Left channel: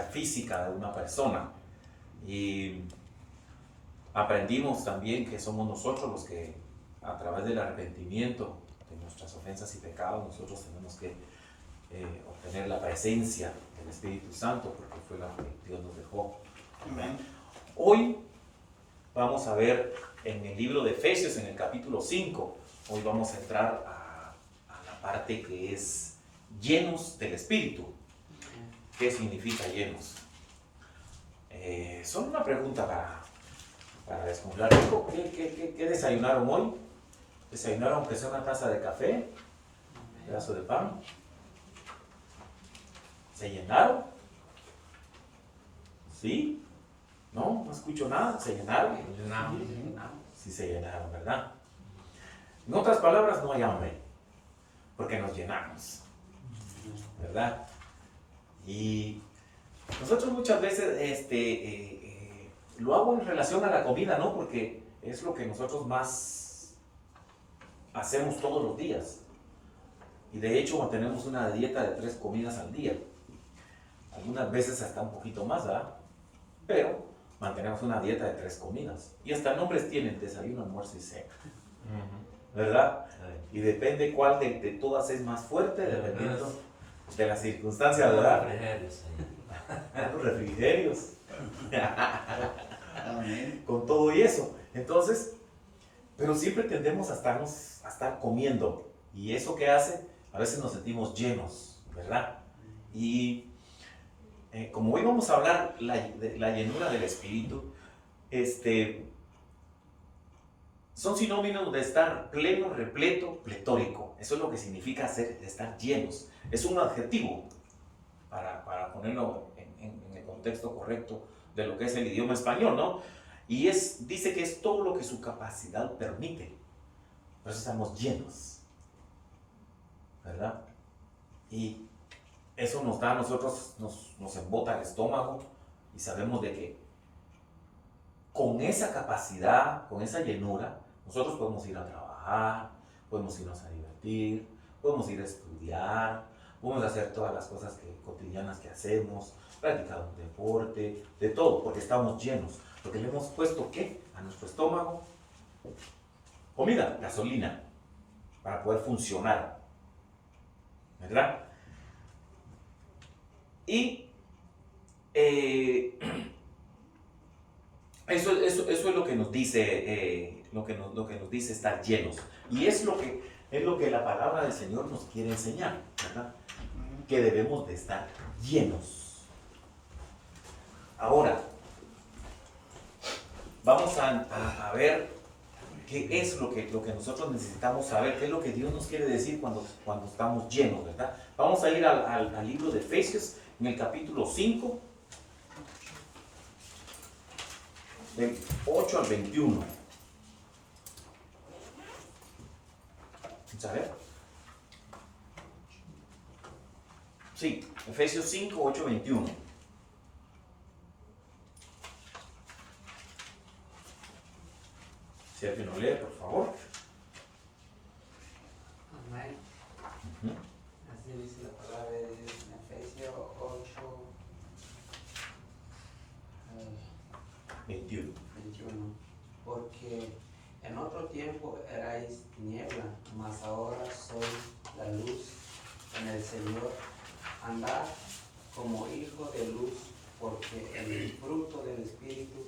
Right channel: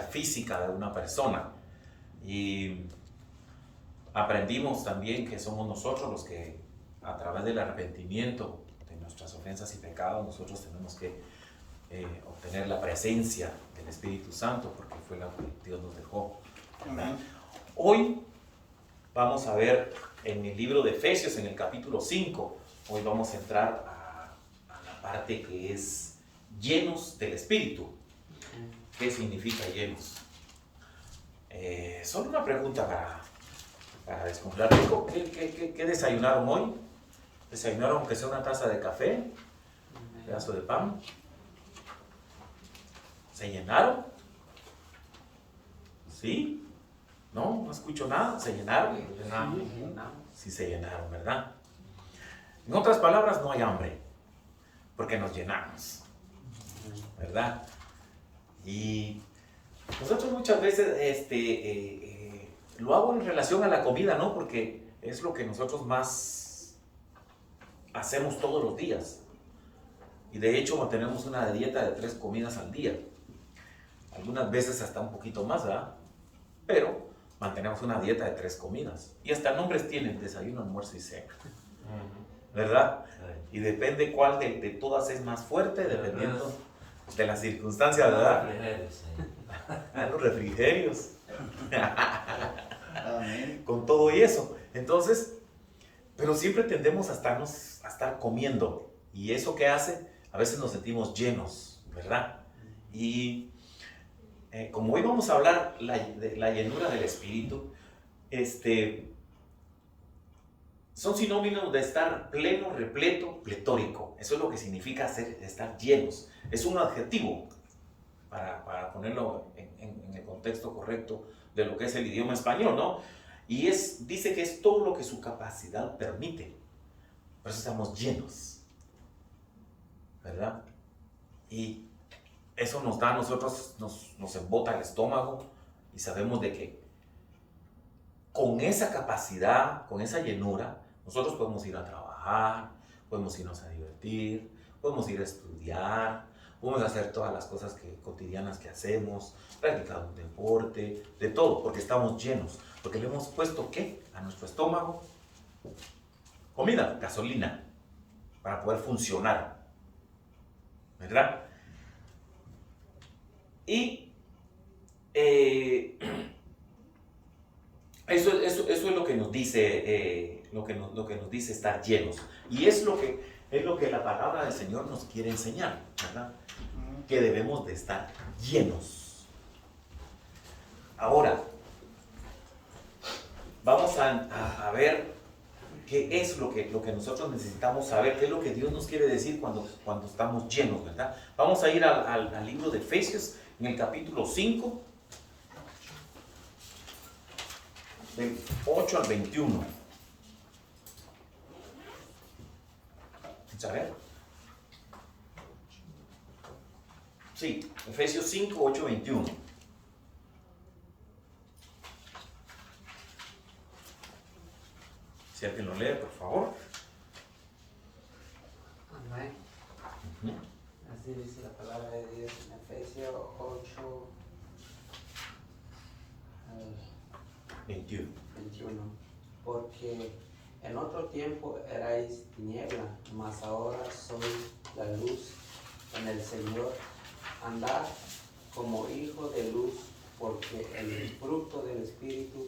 física de una persona. Y aprendimos también que somos nosotros los que, a través del arrepentimiento de nuestras ofensas y pecados, nosotros tenemos que obtener la presencia del Espíritu Santo, porque fue la que Dios nos dejó, ¿verdad? Hoy vamos a ver en el libro de Efesios, en el capítulo 5, hoy vamos a entrar a la parte que es llenos del Espíritu. ¿Qué significa llenos? Solo una pregunta para descongelar. ¿Qué desayunaron hoy? ¿Desayunaron aunque sea una taza de café? ¿Un pedazo de pan? ¿Se llenaron? ¿Sí? ¿No? No escucho nada. ¿Se llenaron? Sí, se llenaron, ¿verdad? En otras palabras, no hay hambre, porque nos llenamos, ¿verdad? Y nosotros muchas veces lo hago en relación a la comida, ¿no? Porque es lo que nosotros más hacemos todos los días. Y de hecho mantenemos una dieta de 3 comidas al día. Algunas veces hasta un poquito más, ¿verdad? Pero mantenemos una dieta de 3 comidas. Y hasta nombres tienen: desayuno, almuerzo y cena. ¿Verdad? Y depende cuál de todas es más fuerte, dependiendo de las circunstancias, ¿verdad? Los refrigerios. Con todo y eso. Entonces, pero siempre tendemos a estar comiendo. Y eso que hace, a veces nos sentimos llenos, ¿verdad? Y como hoy vamos a hablar de la llenura del Espíritu, son sinónimos de estar pleno, repleto, pletórico. Eso es lo que significa estar llenos. Es un adjetivo para ponerlo en el contexto correcto de lo que es el idioma español, ¿no? Y dice que es todo lo que su capacidad permite. Por eso estamos llenos, ¿verdad? Y eso nos da a nosotros, nos embota el estómago, y sabemos de que con esa capacidad, con esa llenura, nosotros podemos ir a trabajar, podemos irnos a divertir, podemos ir a estudiar, podemos hacer todas las cosas cotidianas que hacemos, practicar un deporte, de todo, porque estamos llenos, porque le hemos puesto, ¿qué? A nuestro estómago comida, gasolina, para poder funcionar, ¿verdad? Y eso es lo que nos dice, lo que nos dice estar llenos. Y es lo que la palabra del Señor nos quiere enseñar, ¿verdad? Que debemos de estar llenos. Ahora, vamos a ver qué es lo que nosotros necesitamos saber, qué es lo que Dios nos quiere decir cuando estamos llenos, ¿verdad? Vamos a ir al libro de Efesios, en el capítulo 5, del 8 al 21. ¿Vamos a ver? Sí, Efesios 5, 8, 21. Si alguien lo lee, por favor. Amén. Uh-huh. Así dice la palabra de Dios en Efesios 8, 21. 21. Porque en otro tiempo erais tiniebla, mas ahora sois la luz en el Señor. Andad como hijos de luz, porque el fruto del Espíritu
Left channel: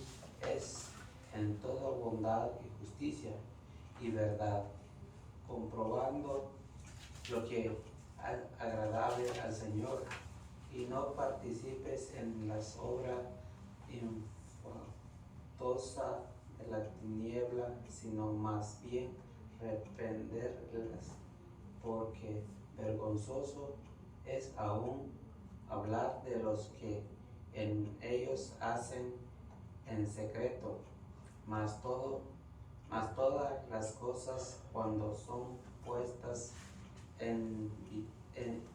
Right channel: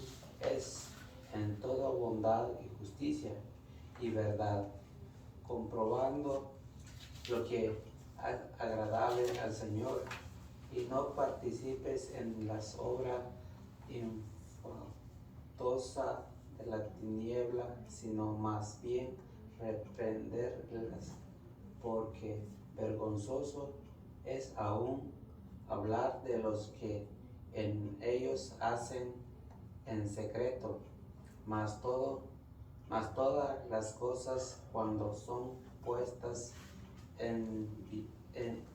es en toda bondad y justicia y verdad, comprobando lo que es agradable al Señor, y no participes en las obras infructuosas de la tiniebla, sino más bien reprenderlas, porque vergonzoso es aún hablar de los que en ellos hacen en secreto, mas todas las cosas, cuando son puestas en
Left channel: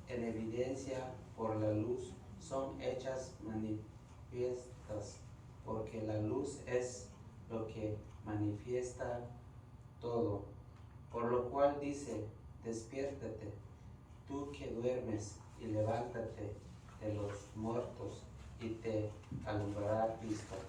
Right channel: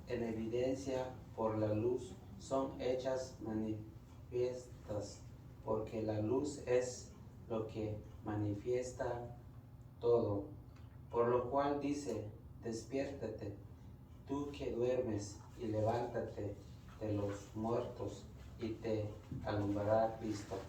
evidencia por la luz, son hechas manifiestas, porque la luz es lo que manifiesta todo. Por lo cual dice: despiértate, tú que duermes, y levántate de los muertos, y te alumbrará Cristo.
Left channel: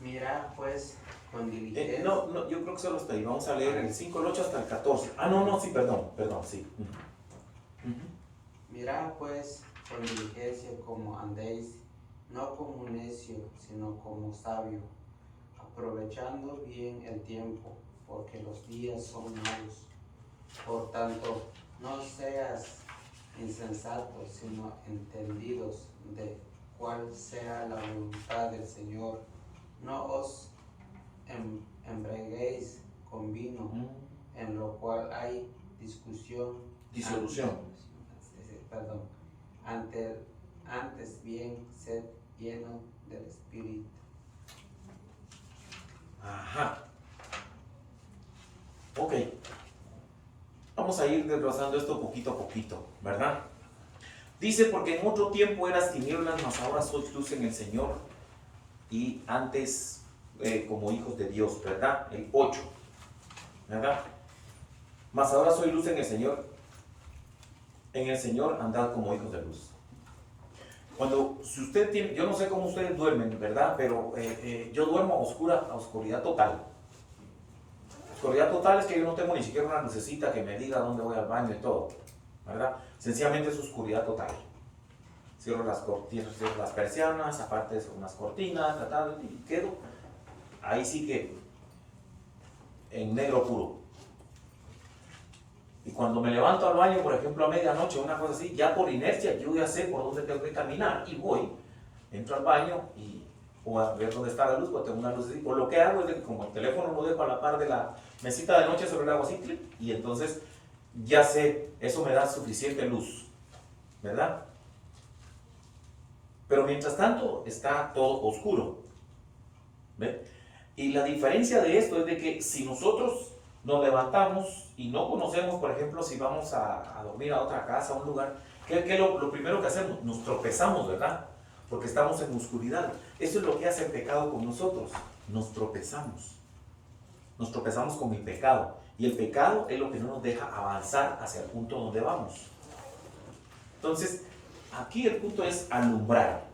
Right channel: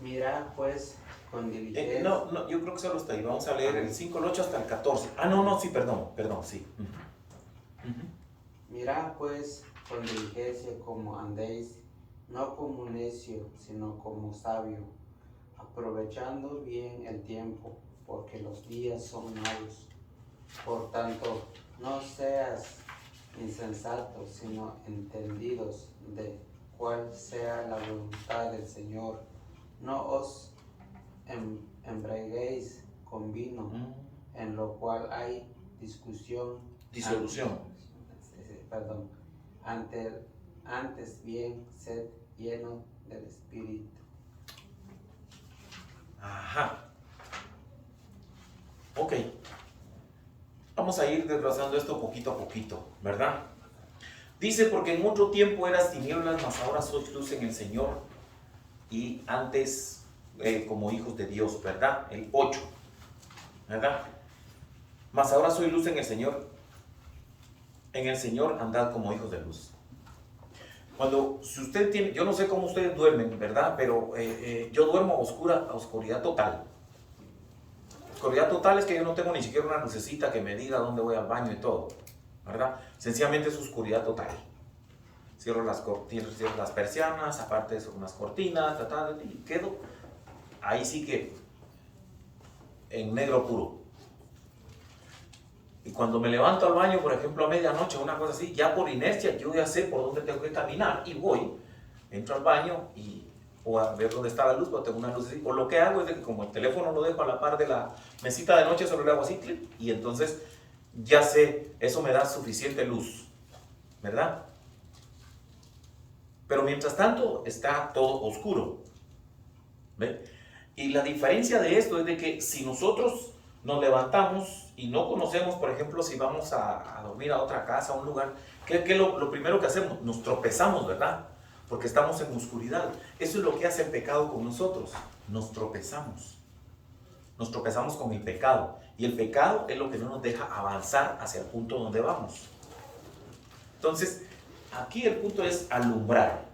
Mira pues con diligencia. No, yo creo que solo está ahí. Vamos a leer el 5, el 8 hasta el 14. No, sí, perdón, sí. Mirad pues con diligencia como andéis, no como necio, sino como sabio, aprovechando bien el tiempo, porque los días son malos. Por tanto, no seas insensatos, sino entendidos de cuál sea la voluntad del Señor. No os embriaguéis con vino, en lo cual hay disolución. Antes bien, sed lleno del Espíritu. Ajá. Ok. Vamos a ir desglosando esto poquito a poquito, ¿verdad? Dice, porque en otro tiempo eras tinieblas, mas ahora sois luz en el Señor, y antes como hijos de Dios, ¿verdad? El 8, ¿verdad? Mas ahora soy luz en el Señor andad como hijos de luz. Si usted tiene, yo no sé cómo ustedes duermen, ¿verdad? Pero yo duermo a oscuridad total. Oscuridad total es que yo no tengo ni siquiera una lucecita que me diga dónde voy al baño y todo, ¿verdad? Sencillamente es oscuridad total. Cierro las persianas, aparte de eso, unas cortinas, y quedo ahí sí que en negro puro. Y cuando me levanto al baño, por ejemplo, a medianoche o una cosa así, ya por inercia yo ya sé por dónde tengo que caminar y voy, entro al baño y o a ver dónde está la luz, o tengo una luz así. O lo que hago es de que como el teléfono lo dejo a la par de la mesita de noche, solo le hago así, clic, y entonces ya sé, eso me da suficiente luz, ¿verdad? Pero mientras tanto está todo oscuro, ¿ve? Y la diferencia de esto es de que si nosotros nos levantamos y no conocemos, por ejemplo, si vamos a dormir a otra casa, a un lugar, ¿qué es lo primero que hacemos? Nos tropezamos, ¿verdad? Porque estamos en oscuridad. Eso es lo que hace el pecado con nosotros. Nos tropezamos. Nos tropezamos con el pecado. Y el pecado es lo que no nos deja avanzar hacia el punto donde vamos. Entonces, aquí el punto es alumbrar.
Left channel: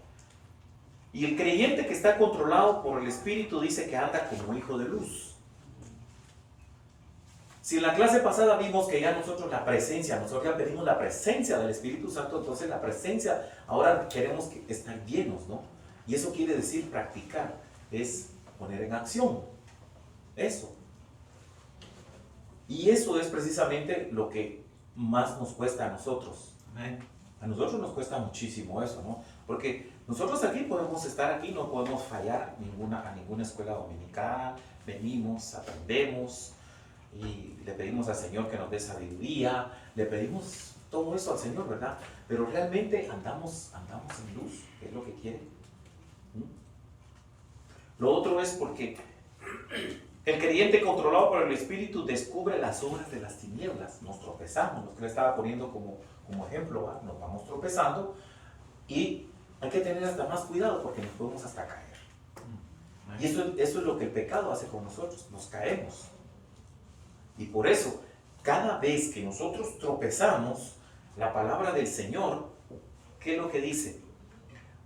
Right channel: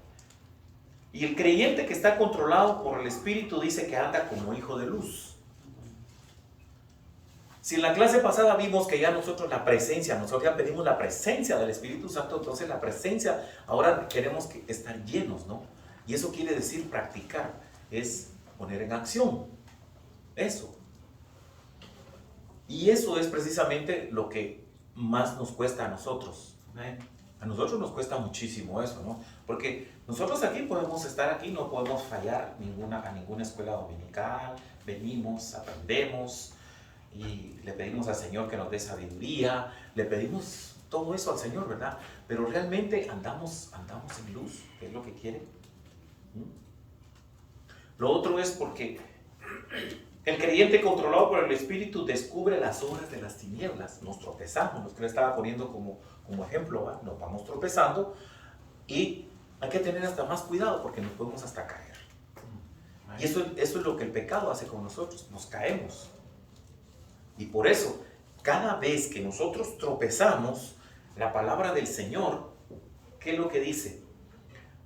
Y el creyente que está controlado por el Espíritu dice que anda como hijo de luz. Si en la clase pasada vimos que ya nosotros ya pedimos la presencia del Espíritu Santo, entonces la presencia, ahora queremos estar llenos, ¿no? Y eso quiere decir practicar, es poner en acción, eso. Y eso es precisamente lo que más nos cuesta a nosotros. A nosotros nos cuesta muchísimo eso, ¿no? Porque nosotros aquí podemos estar aquí, no podemos fallar a ninguna escuela dominical, venimos, aprendemos, y le pedimos al Señor que nos dé sabiduría, le pedimos todo eso al Señor, ¿verdad? Pero realmente andamos en luz, que es lo que quiere. Lo otro es porque el creyente controlado por el Espíritu descubre las obras de las tinieblas. Nos tropezamos, lo que le estaba poniendo como ejemplo, ¿va? Nos vamos tropezando y hay que tener hasta más cuidado porque nos podemos hasta caer. Y eso es lo que el pecado hace con nosotros, nos caemos. Y por eso, cada vez que nosotros tropezamos, la palabra del Señor, ¿qué es lo que dice?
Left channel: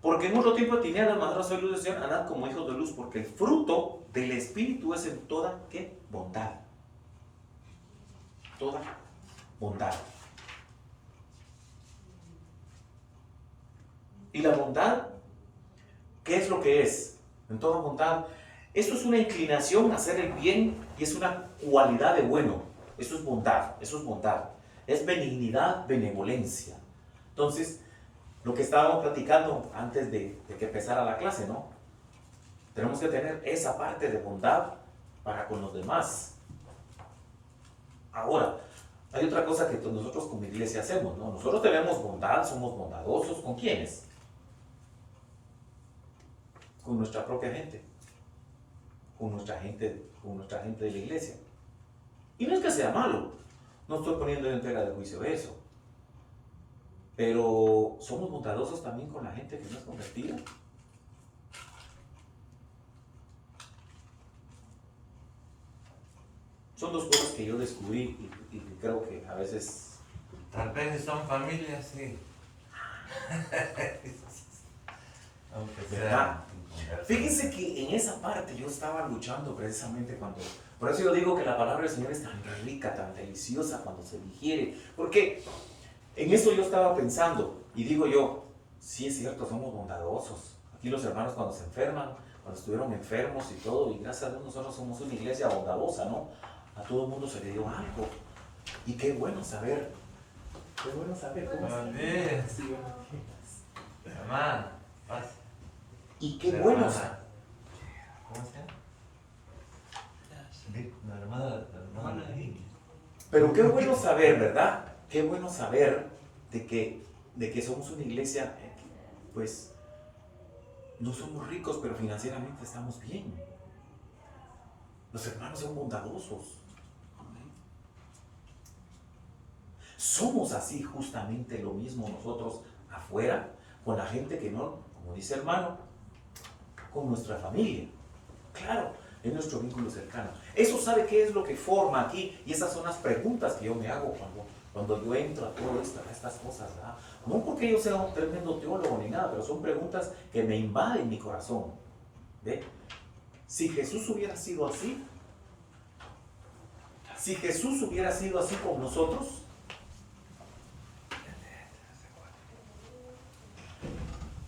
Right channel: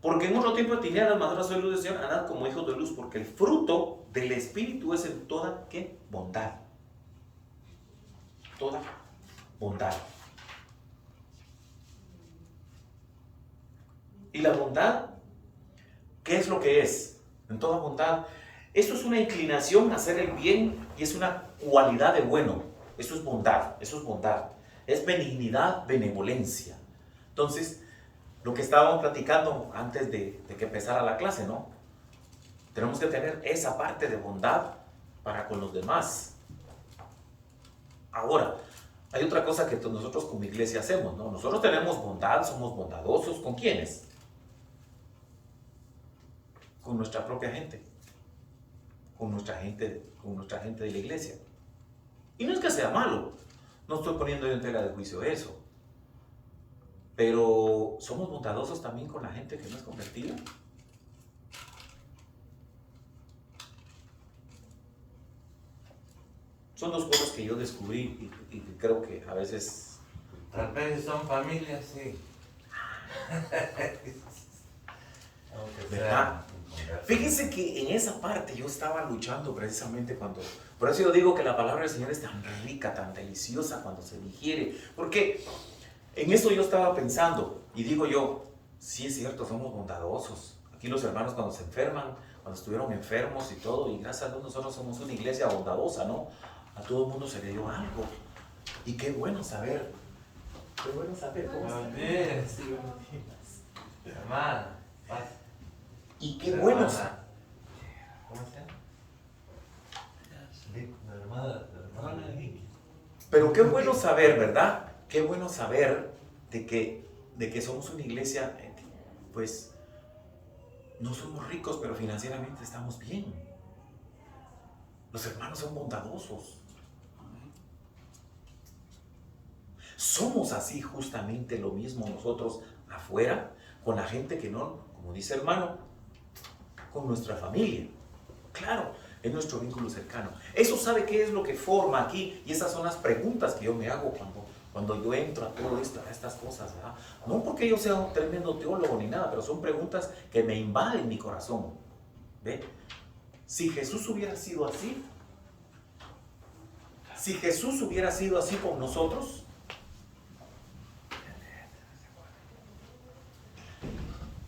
Porque en otro tiempo tenía las maduras soy luz del Señor, andad como hijos de luz, porque el fruto del Espíritu es en toda, ¿qué? Bondad. Toda bondad. Y la bondad, ¿qué es lo que es? En toda bondad. Eso es una inclinación a hacer el bien y es una cualidad de bueno. Eso es bondad, Es benignidad, benevolencia. Entonces, lo que estábamos platicando antes de que empezara la clase, ¿no? Tenemos que tener esa parte de bondad para con los demás. Ahora, hay otra cosa que nosotros como iglesia hacemos, ¿no? Nosotros tenemos bondad, somos bondadosos. ¿Con quiénes? Con nuestra propia gente. Con nuestra gente de la iglesia. Y no es que sea malo, no estoy poniendo en tela de juicio eso, pero somos bondadosos también con la gente que no es convertida. Son dos cosas que yo descubrí y creo que a veces... Tal vez si son familias, sí. Aunque ¿Verdad? sea. Fíjense que en esa parte yo estaba luchando precisamente cuando... Por eso yo digo que la palabra del Señor es tan rica, tan deliciosa cuando se digiere. Porque en eso yo estaba pensando y digo yo, sí es cierto, somos bondadosos. Aquí los hermanos cuando se enferman, cuando estuvieron enfermos y todo, y gracias a Dios nosotros somos una iglesia bondadosa, ¿no? A todo el mundo se le dio algo. Y qué bueno saber. Qué bueno saber cómo Buenos está. días. Sí, buenos días. Hermana, pasa. Y qué La bueno. hermana. ¿Cómo se llama? La hermana de la niña. Pero qué bueno saber, ¿verdad? Qué bueno saber de que somos una iglesia, pues, no somos ricos, pero financieramente estamos bien. Los hermanos son bondadosos. Somos así justamente lo mismo nosotros afuera, con la gente que no, como dice hermano, con nuestra familia. Claro, es nuestro vínculo cercano. Eso sabe qué es lo que forma aquí, y esas son las preguntas que yo me hago cuando yo entro a todo esto, a estas cosas, ¿verdad? No porque yo sea un tremendo teólogo ni nada, pero son preguntas que me invaden mi corazón. ¿Ve? Si Jesús hubiera sido así, si Jesús hubiera sido así con nosotros,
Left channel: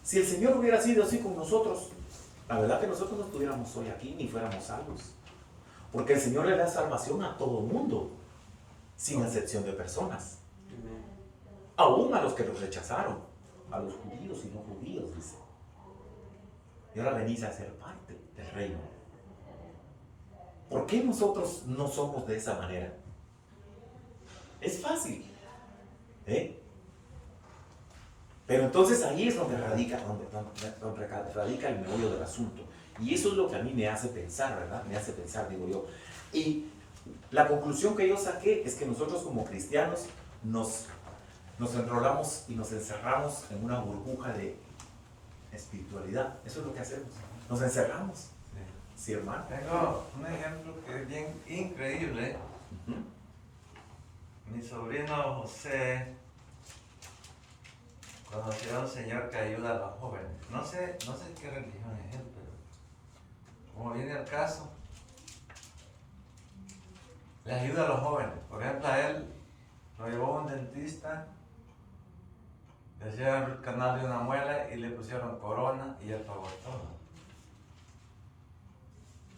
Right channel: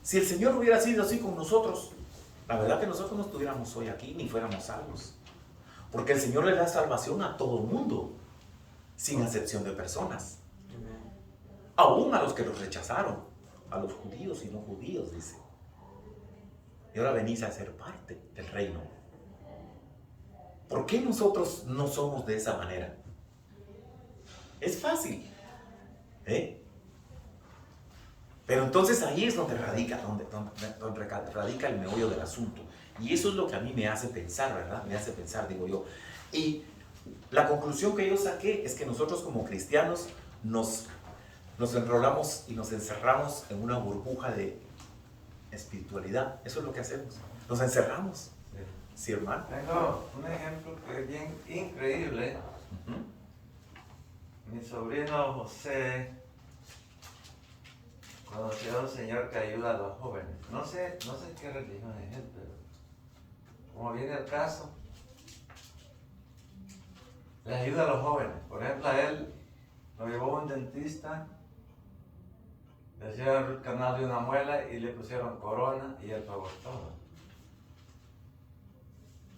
si el Señor hubiera sido así con nosotros, la verdad que nosotros no estuviéramos hoy aquí ni fuéramos salvos. Porque el Señor le da salvación a todo mundo, sin excepción de personas. Aún a los que los rechazaron, a los judíos y no judíos, dice. Y ahora venís a ser parte del reino. ¿Por qué nosotros no somos de esa manera? Es fácil, ¿eh? Pero entonces ahí es donde radica el meollo del asunto. Y eso es lo que a mí me hace pensar, ¿verdad? Me hace pensar, digo yo. Y la conclusión que yo saqué es que nosotros como cristianos nos enrolamos y nos encerramos en una burbuja de espiritualidad. Eso es lo que hacemos. Nos encerramos. Sí, hermano. Tengo un ejemplo que es bien increíble. Mi sobrino José conoció a un señor que ayuda a los jóvenes. No sé qué religión es él, pero como viene el caso, le ayuda a los jóvenes. Por ejemplo, a él lo llevó a un dentista, le hicieron el canal de una muela y le pusieron corona y él pagó todo.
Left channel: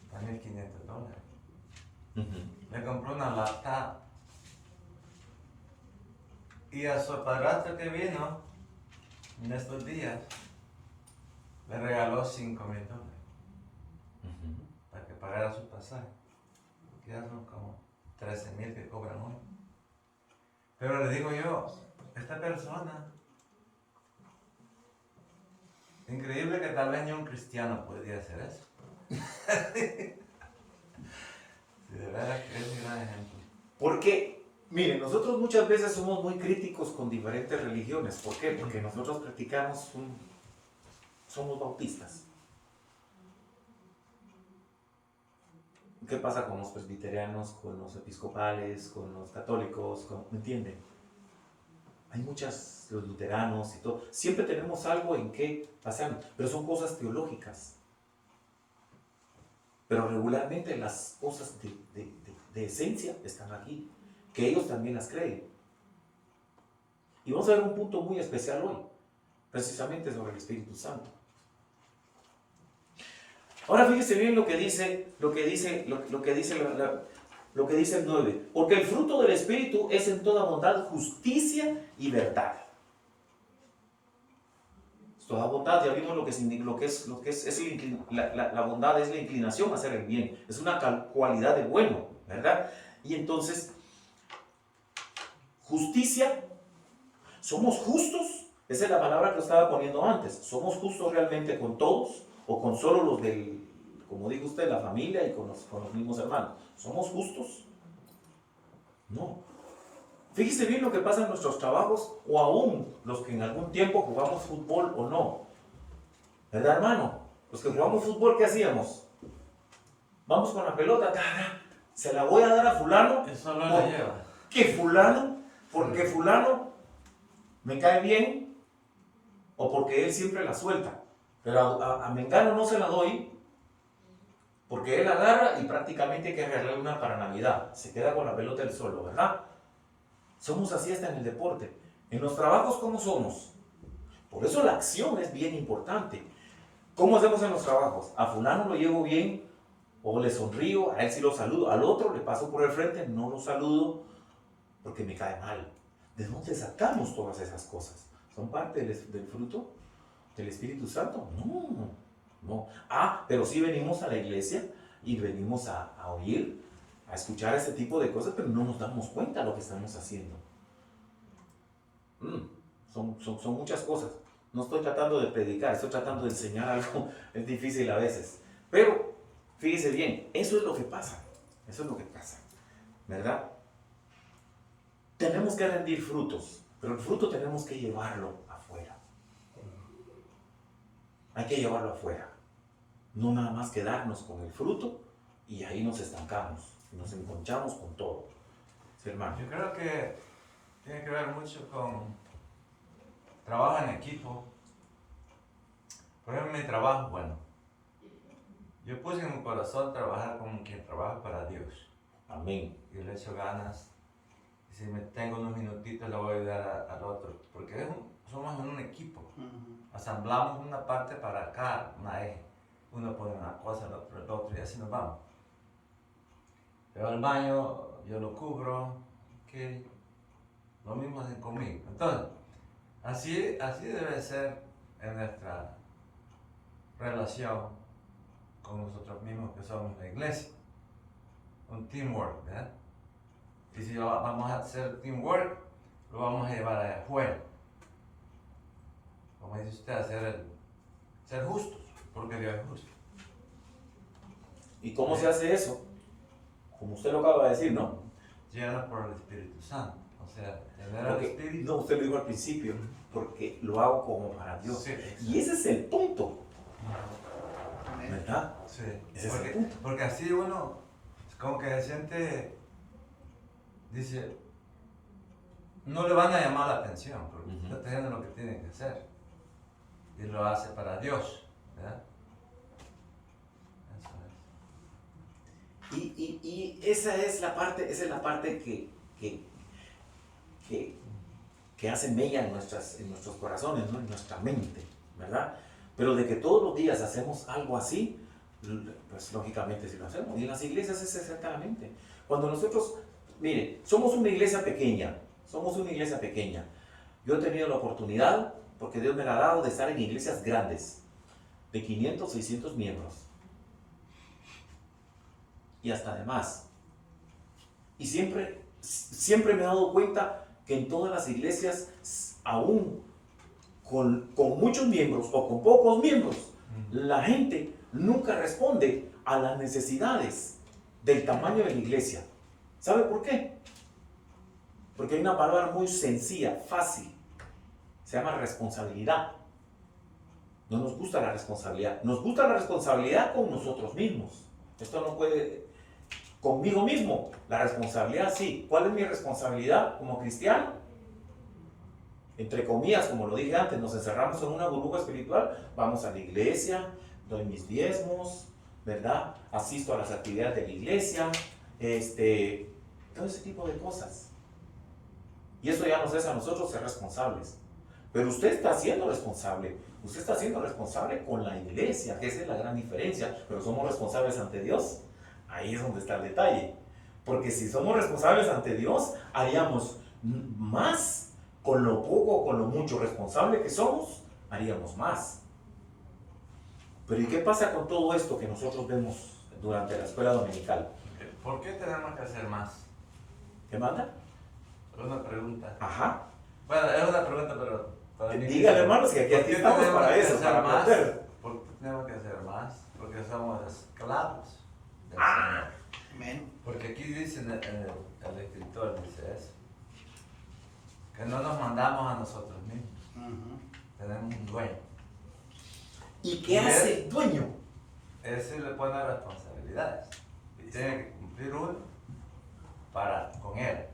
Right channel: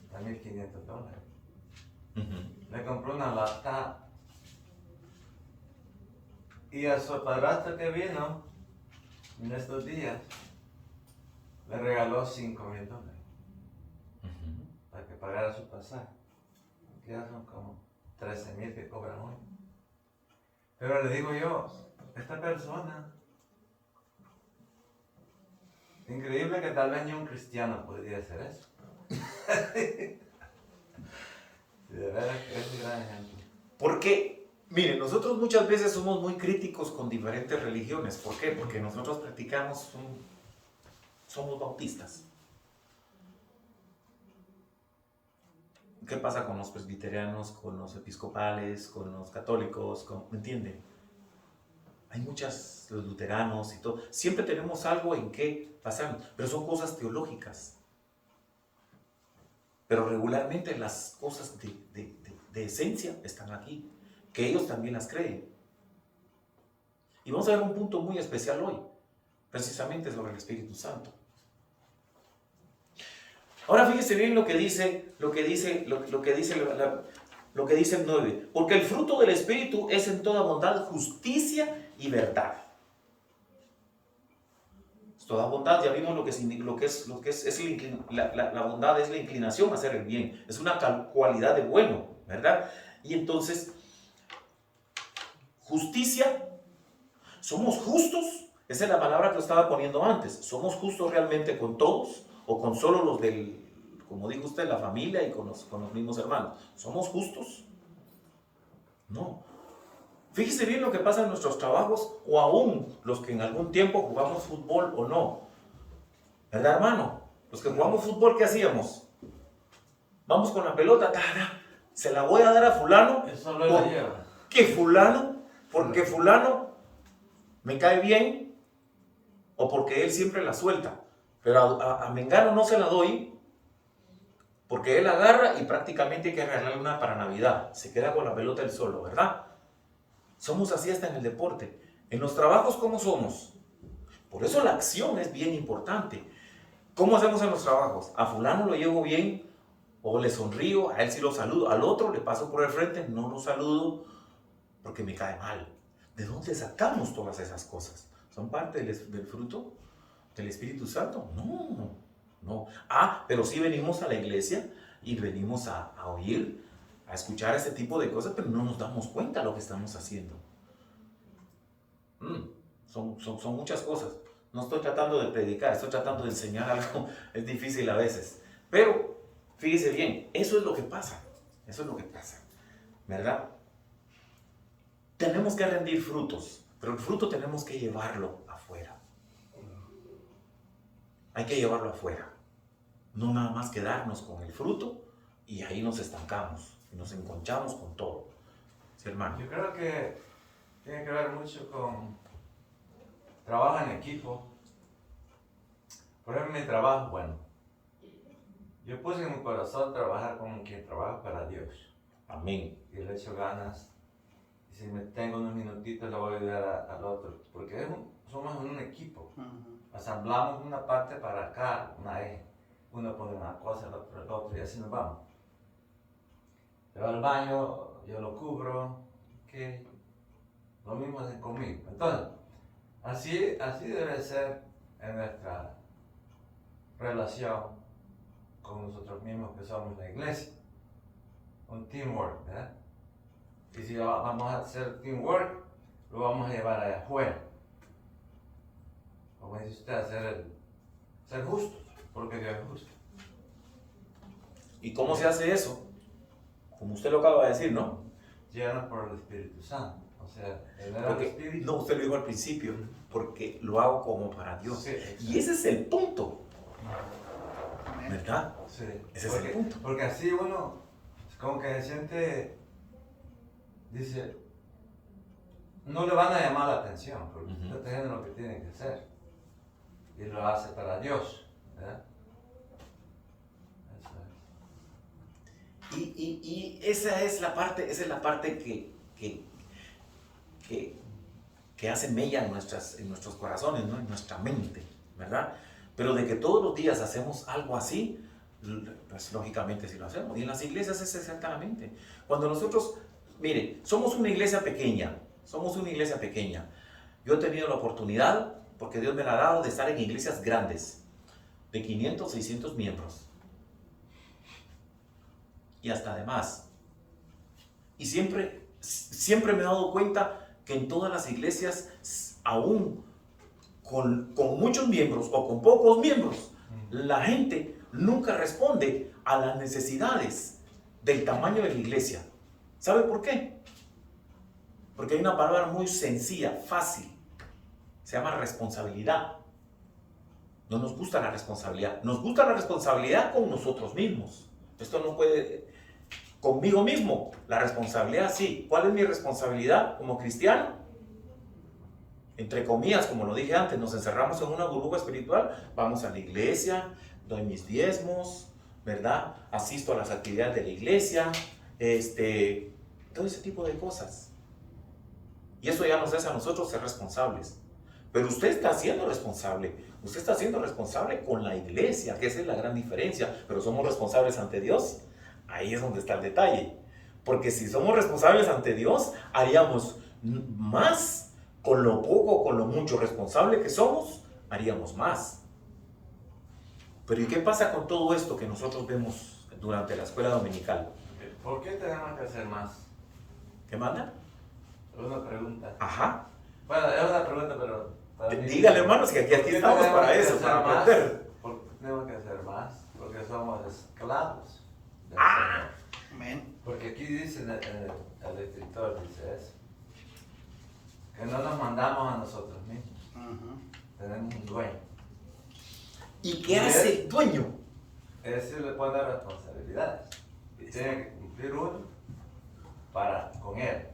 Está $1,500. Le compró una laptop. Y a su padrastro que vino en estos días, le regaló $5,000 para que pagara su pasaje. Que ya son como 13,000 que cobran hoy. Pero le digo yo, esta persona, increíble que tal vez ni un cristiano podría hacer eso. Sí, de verdad que es un gran ejemplo. Porque, miren, nosotros muchas veces somos muy críticos con diferentes religiones. ¿Por qué? Porque nosotros somos bautistas. ¿Qué pasa con los presbiterianos, con los episcopales, con los católicos? ¿Me entienden? Hay los luteranos y todo. Siempre tenemos algo en qué pasar, pero son cosas teológicas. Pero regularmente las cosas de esencia están aquí, que ellos también las creen. Y vamos a ver un punto muy especial hoy, precisamente sobre el Espíritu Santo. Ahora fíjese bien lo que dice el 9. Porque el fruto del Espíritu es en toda bondad, justicia y verdad. Toda bondad, ya vimos la bondad es la inclinación a hacer el bien, es una cualidad de bueno, ¿verdad? Y entonces, justicia, somos justos, esa es la palabra que estaba poniendo antes, somos justos realmente con todos o con solo los como dijo usted, la familia y con los mismos hermanos. ¿Somos justos? No. Fíjese bien lo que pasa en nuestros trabajos o aún los que en algún tiempo jugamos fútbol o no. ¿Verdad, hermano? Los que jugamos fútbol, ¿qué hacíamos? Vamos con la pelota, se la voy a dar a fulano. Eso lo la lleva. Porque fulano me cae bien o porque él siempre la suelta. Pero a Mengano no se la doy porque él agarra y prácticamente hay que regalarle una para Navidad. Se queda con la pelota él solo, ¿verdad? Somos así hasta en el deporte. En los trabajos, ¿cómo somos? Por eso la acción es bien importante. ¿Cómo hacemos en los trabajos? A fulano lo llevo bien o le sonrío, a él sí lo saludo, al otro le paso por el frente, no lo saludo porque me cae mal. ¿De dónde sacamos todas esas cosas? ¿Son parte del fruto del Espíritu Santo? No, no. Pero sí venimos a la iglesia y venimos a oír, a escuchar ese tipo de cosas, pero no nos damos cuenta de lo que estamos haciendo. Son muchas cosas. No estoy tratando de predicar, estoy tratando de enseñar algo. Es difícil a veces. Pero, fíjese bien, eso es lo que pasa. Eso es lo que pasa. ¿Verdad? Tenemos que rendir frutos, pero el fruto tenemos que llevarlo afuera. Hay que llevarlo afuera. No nada más quedarnos con el fruto y ahí nos estancamos y nos enconchamos con todo. ¿Sí, hermano? Yo creo que tiene que ver mucho con trabajo en equipo. Por ejemplo, mi trabajo, bueno, yo puse en mi corazón trabajar con quien trabaja para Dios. Amén. Y le echo ganas. Y si me tengo unos minutitos, le voy a ayudar al otro. Porque somos un equipo. Asamblamos una parte para acá, una eje. Uno pone una cosa, el otro, y así nos vamos. Se va al baño, yo lo cubro, que lo mismo hacen conmigo. Entonces, así debe ser en nuestra relación con nosotros mismos que somos la iglesia. Un teamwork, ¿verdad? Y si vamos a hacer teamwork, lo vamos a llevar allá afuera. Como dice usted, ser justos, porque Dios es justo. ¿Y cómo se hace eso? Como usted lo acaba de decir, ¿no? Llenos por el Espíritu Santo. O sea, tener al Espíritu. No, usted lo dijo al principio, porque lo hago como para Dios. Sí, y ese es el punto. ¿Verdad? Sí. Ese es el punto. Porque así uno, como que se siente, dice, no le van a llamar la atención, porque está haciendo lo que tiene que hacer. Y lo hace para Dios, ¿verdad? Eso es. Y esa es la parte, que hace mella en nuestros corazones, ¿no? En nuestra mente, ¿verdad? Pero de que todos los días hacemos algo así, pues lógicamente sí lo hacemos. Y en las iglesias es exactamente. Cuando nosotros, mire, somos una iglesia pequeña. Yo he tenido la oportunidad, porque Dios me la ha dado, de estar en iglesias grandes, de 500, 600 miembros. Y hasta de más. Y siempre me he dado cuenta que en todas las iglesias, aún con muchos miembros o con pocos miembros, la gente nunca responde a las necesidades del tamaño de la iglesia. ¿Sabe por qué? Porque hay una palabra muy sencilla, fácil. Se llama responsabilidad. No nos gusta la responsabilidad. Nos gusta la responsabilidad con nosotros mismos. Esto no puede... Conmigo mismo, la responsabilidad sí. ¿Cuál es mi responsabilidad como cristiano? Entre comillas, como lo dije antes, nos encerramos en una burbuja espiritual. Vamos a la iglesia, doy mis diezmos, ¿verdad? Asisto a las actividades de la iglesia, todo ese tipo de cosas. Y eso ya nos hace a nosotros ser responsables. Pero usted está siendo responsable. Usted está siendo responsable con la iglesia, que esa es la gran diferencia. Pero somos responsables ante Dios. Ahí es donde está el detalle. Porque si somos responsables ante Dios, haríamos más con lo poco o con lo mucho responsable que somos, haríamos más. Pero ¿y qué pasa con todo esto que nosotros vemos durante la escuela dominical? ¿Por qué tenemos que hacer más? ¿Qué manda? Una pregunta. Ajá. Bueno, es una pregunta, pero para mí... Dígale, hermanos, que aquí estamos para eso, para aprender. ¿Por qué tenemos que hacer más? Porque somos esclavos. Amén. Porque aquí dice el escritor, dice eso. Que no nos mandamos a nosotros mismos. Tenemos un dueño. ¿Y qué hace el dueño? Ese le pone responsabilidades. Y tiene que cumplir uno con Él.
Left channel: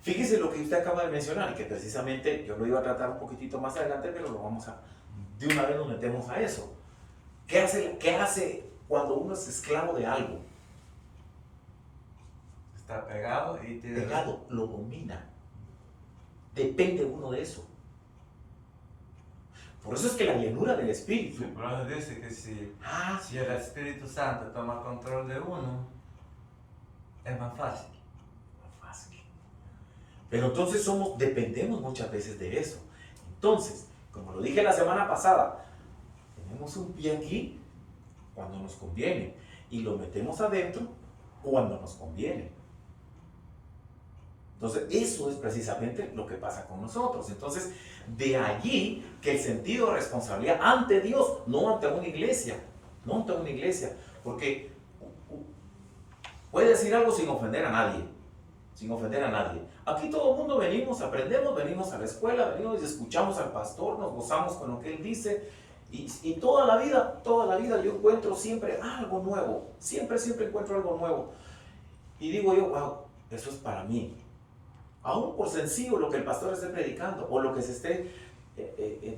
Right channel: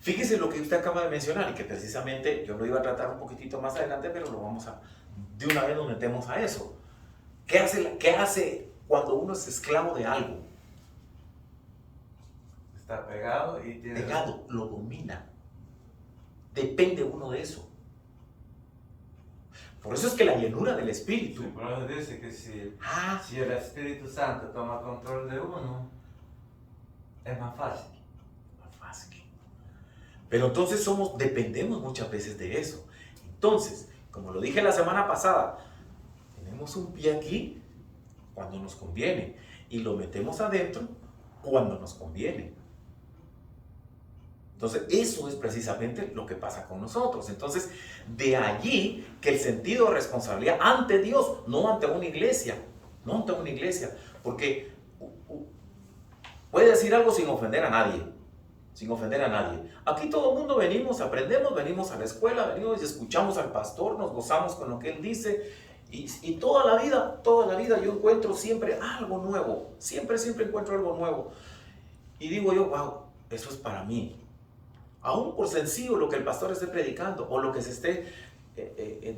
Fíjese lo que usted acaba de mencionar y que precisamente yo lo iba a tratar un poquitito más adelante, pero de una vez nos metemos a eso. ¿Qué hace cuando uno es esclavo de algo? Está pegado y tiene... Pegado, lo domina. Depende uno de eso. Por eso es que la llenura del Espíritu. Sí, por eso dice que si el Espíritu Santo toma control de uno, es más fácil. Pero entonces dependemos muchas veces de eso. Entonces, como lo dije la semana pasada, tenemos un pie aquí cuando nos conviene y lo metemos adentro cuando nos conviene. Entonces, eso es precisamente lo que pasa con nosotros. Entonces, de allí que el sentido de responsabilidad ante Dios, no ante una iglesia, porque puede decir algo sin ofender a nadie. Aquí todo el mundo venimos, aprendemos, venimos a la escuela, venimos y escuchamos al pastor, nos gozamos con lo que él dice y toda la vida yo encuentro siempre algo nuevo, siempre encuentro algo nuevo y digo yo, wow, eso es para mí. Aún por sencillo lo que el pastor esté predicando o lo que se esté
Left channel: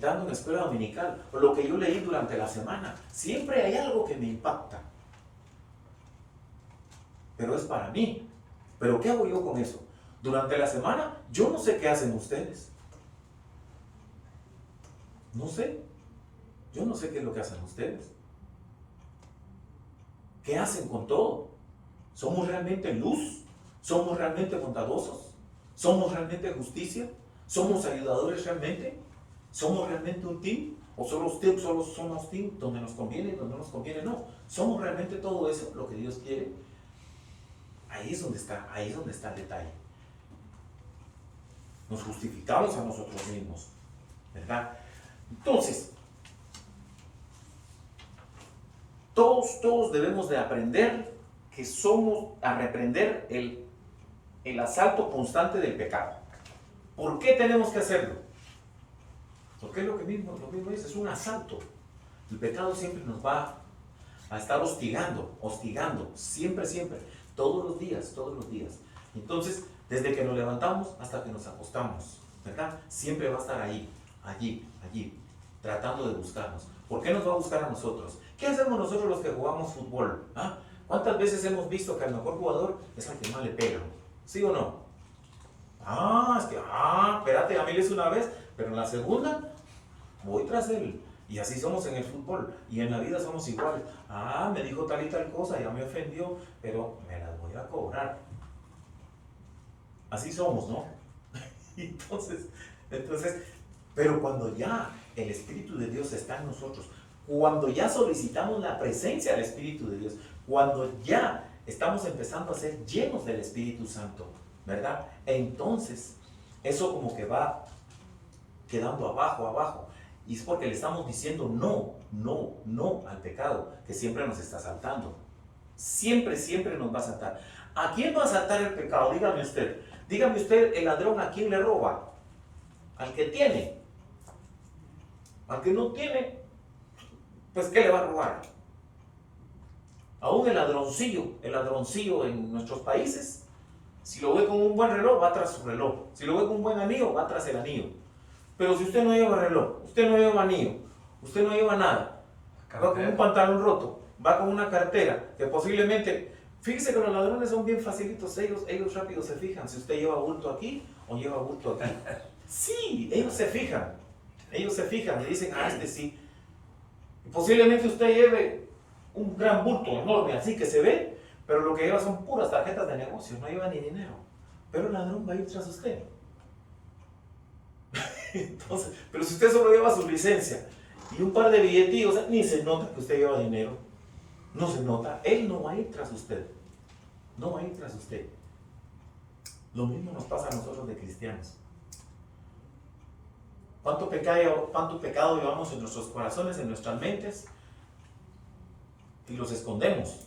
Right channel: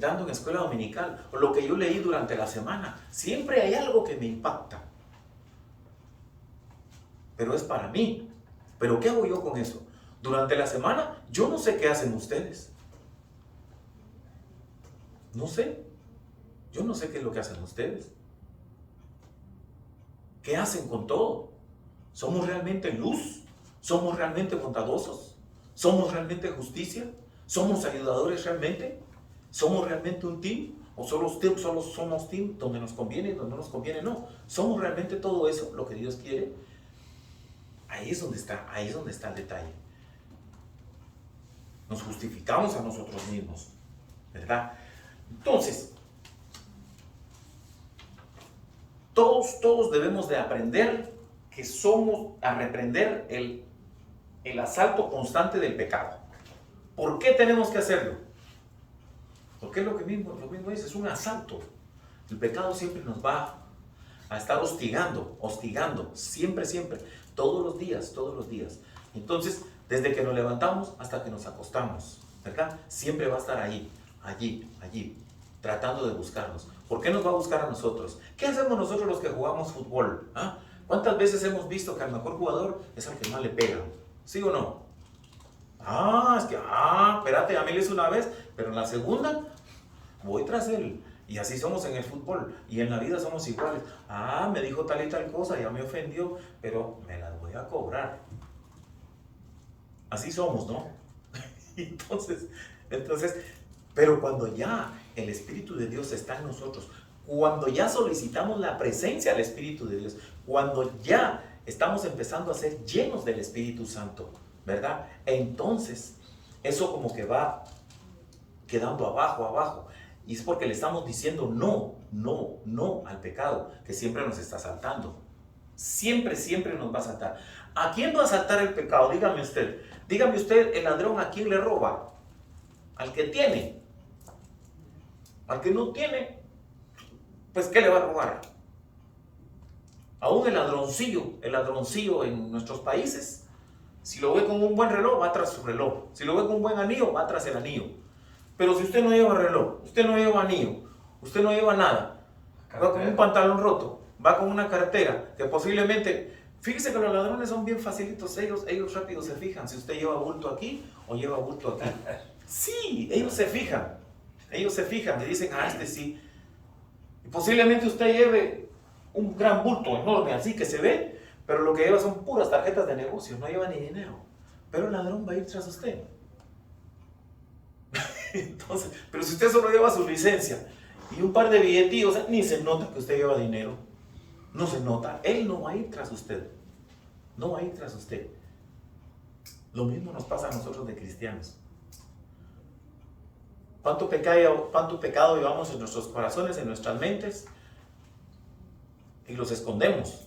dando en escuela dominical o lo que yo leí durante la semana, siempre hay algo que me impacta, pero es para mí. ¿Pero qué hago yo con eso? Durante la semana, yo no sé qué hacen ustedes. No sé. Yo no sé qué es lo que hacen ustedes. ¿Qué hacen con todo? ¿Somos realmente luz? ¿Somos realmente bondadosos? ¿Somos realmente justicia? ¿Somos ayudadores realmente? ¿Somos realmente un team? ¿O solo somos team donde nos conviene y donde no nos conviene? No. ¿Somos realmente todo eso lo que Dios quiere? Ahí es donde está el detalle. Nos justificamos a nosotros mismos, ¿verdad? Entonces, todos debemos de aprender a reprender el asalto constante del pecado. ¿Por qué tenemos que hacerlo? Porque es lo mismo es un asalto. El pecado siempre nos va a estar hostigando, siempre. Todos los días. Entonces, desde que nos levantamos hasta que nos acostamos, ¿verdad? Siempre va a estar allí, tratando de buscarnos. ¿Por qué nos va a buscar a nosotros? ¿Qué hacemos nosotros los que jugamos fútbol? ¿Ah? ¿Cuántas veces hemos visto que al mejor jugador es al que más le pegan? ¿Sí o no? Espérate, a mí le hice una vez, pero en la segunda voy tras él. Y así somos en el fútbol y en la vida somos iguales. Me dijo tal y tal cosa, ya me ofendió, pero me las voy a cobrar. Así somos, ¿no? Entonces, pero cuando ya el Espíritu de Dios está en nosotros, cuando ya solicitamos la presencia del Espíritu de Dios, cuando ya estamos empezando a ser llenos del Espíritu Santo, ¿verdad? Entonces, eso como que va quedando abajo. Y es porque le estamos diciendo no al pecado, que siempre nos está asaltando. Siempre nos va a asaltar. ¿A quién va a asaltar el pecado? Dígame usted, el ladrón, ¿a quién le roba? Al que tiene. Al que no tiene, pues ¿qué le va a robar? Aún el ladroncillo en nuestros países, si lo ve con un buen reloj, va tras su reloj. Si lo ve con un buen anillo, va tras el anillo. Pero si usted no lleva reloj, usted no lleva anillo, usted no lleva nada, va con un pantalón roto, va con una cartera, que posiblemente, fíjese que los ladrones son bien facilitos, ellos rápido se fijan si usted lleva bulto aquí o lleva bulto aquí. Sí, ellos se fijan y dicen, este sí. Y posiblemente usted lleve un gran bulto enorme así que se ve, pero lo que lleva son puras tarjetas de negocio, no lleva ni dinero. Pero el ladrón va a ir tras usted. Entonces, pero si usted solo lleva su licencia y un par de billetillos, ni se nota que usted lleva dinero. No se nota. Él no va a ir tras usted. Lo mismo nos pasa a nosotros de cristianos. ¿Cuánto pecado llevamos en nuestros corazones, en nuestras mentes? Y los escondemos.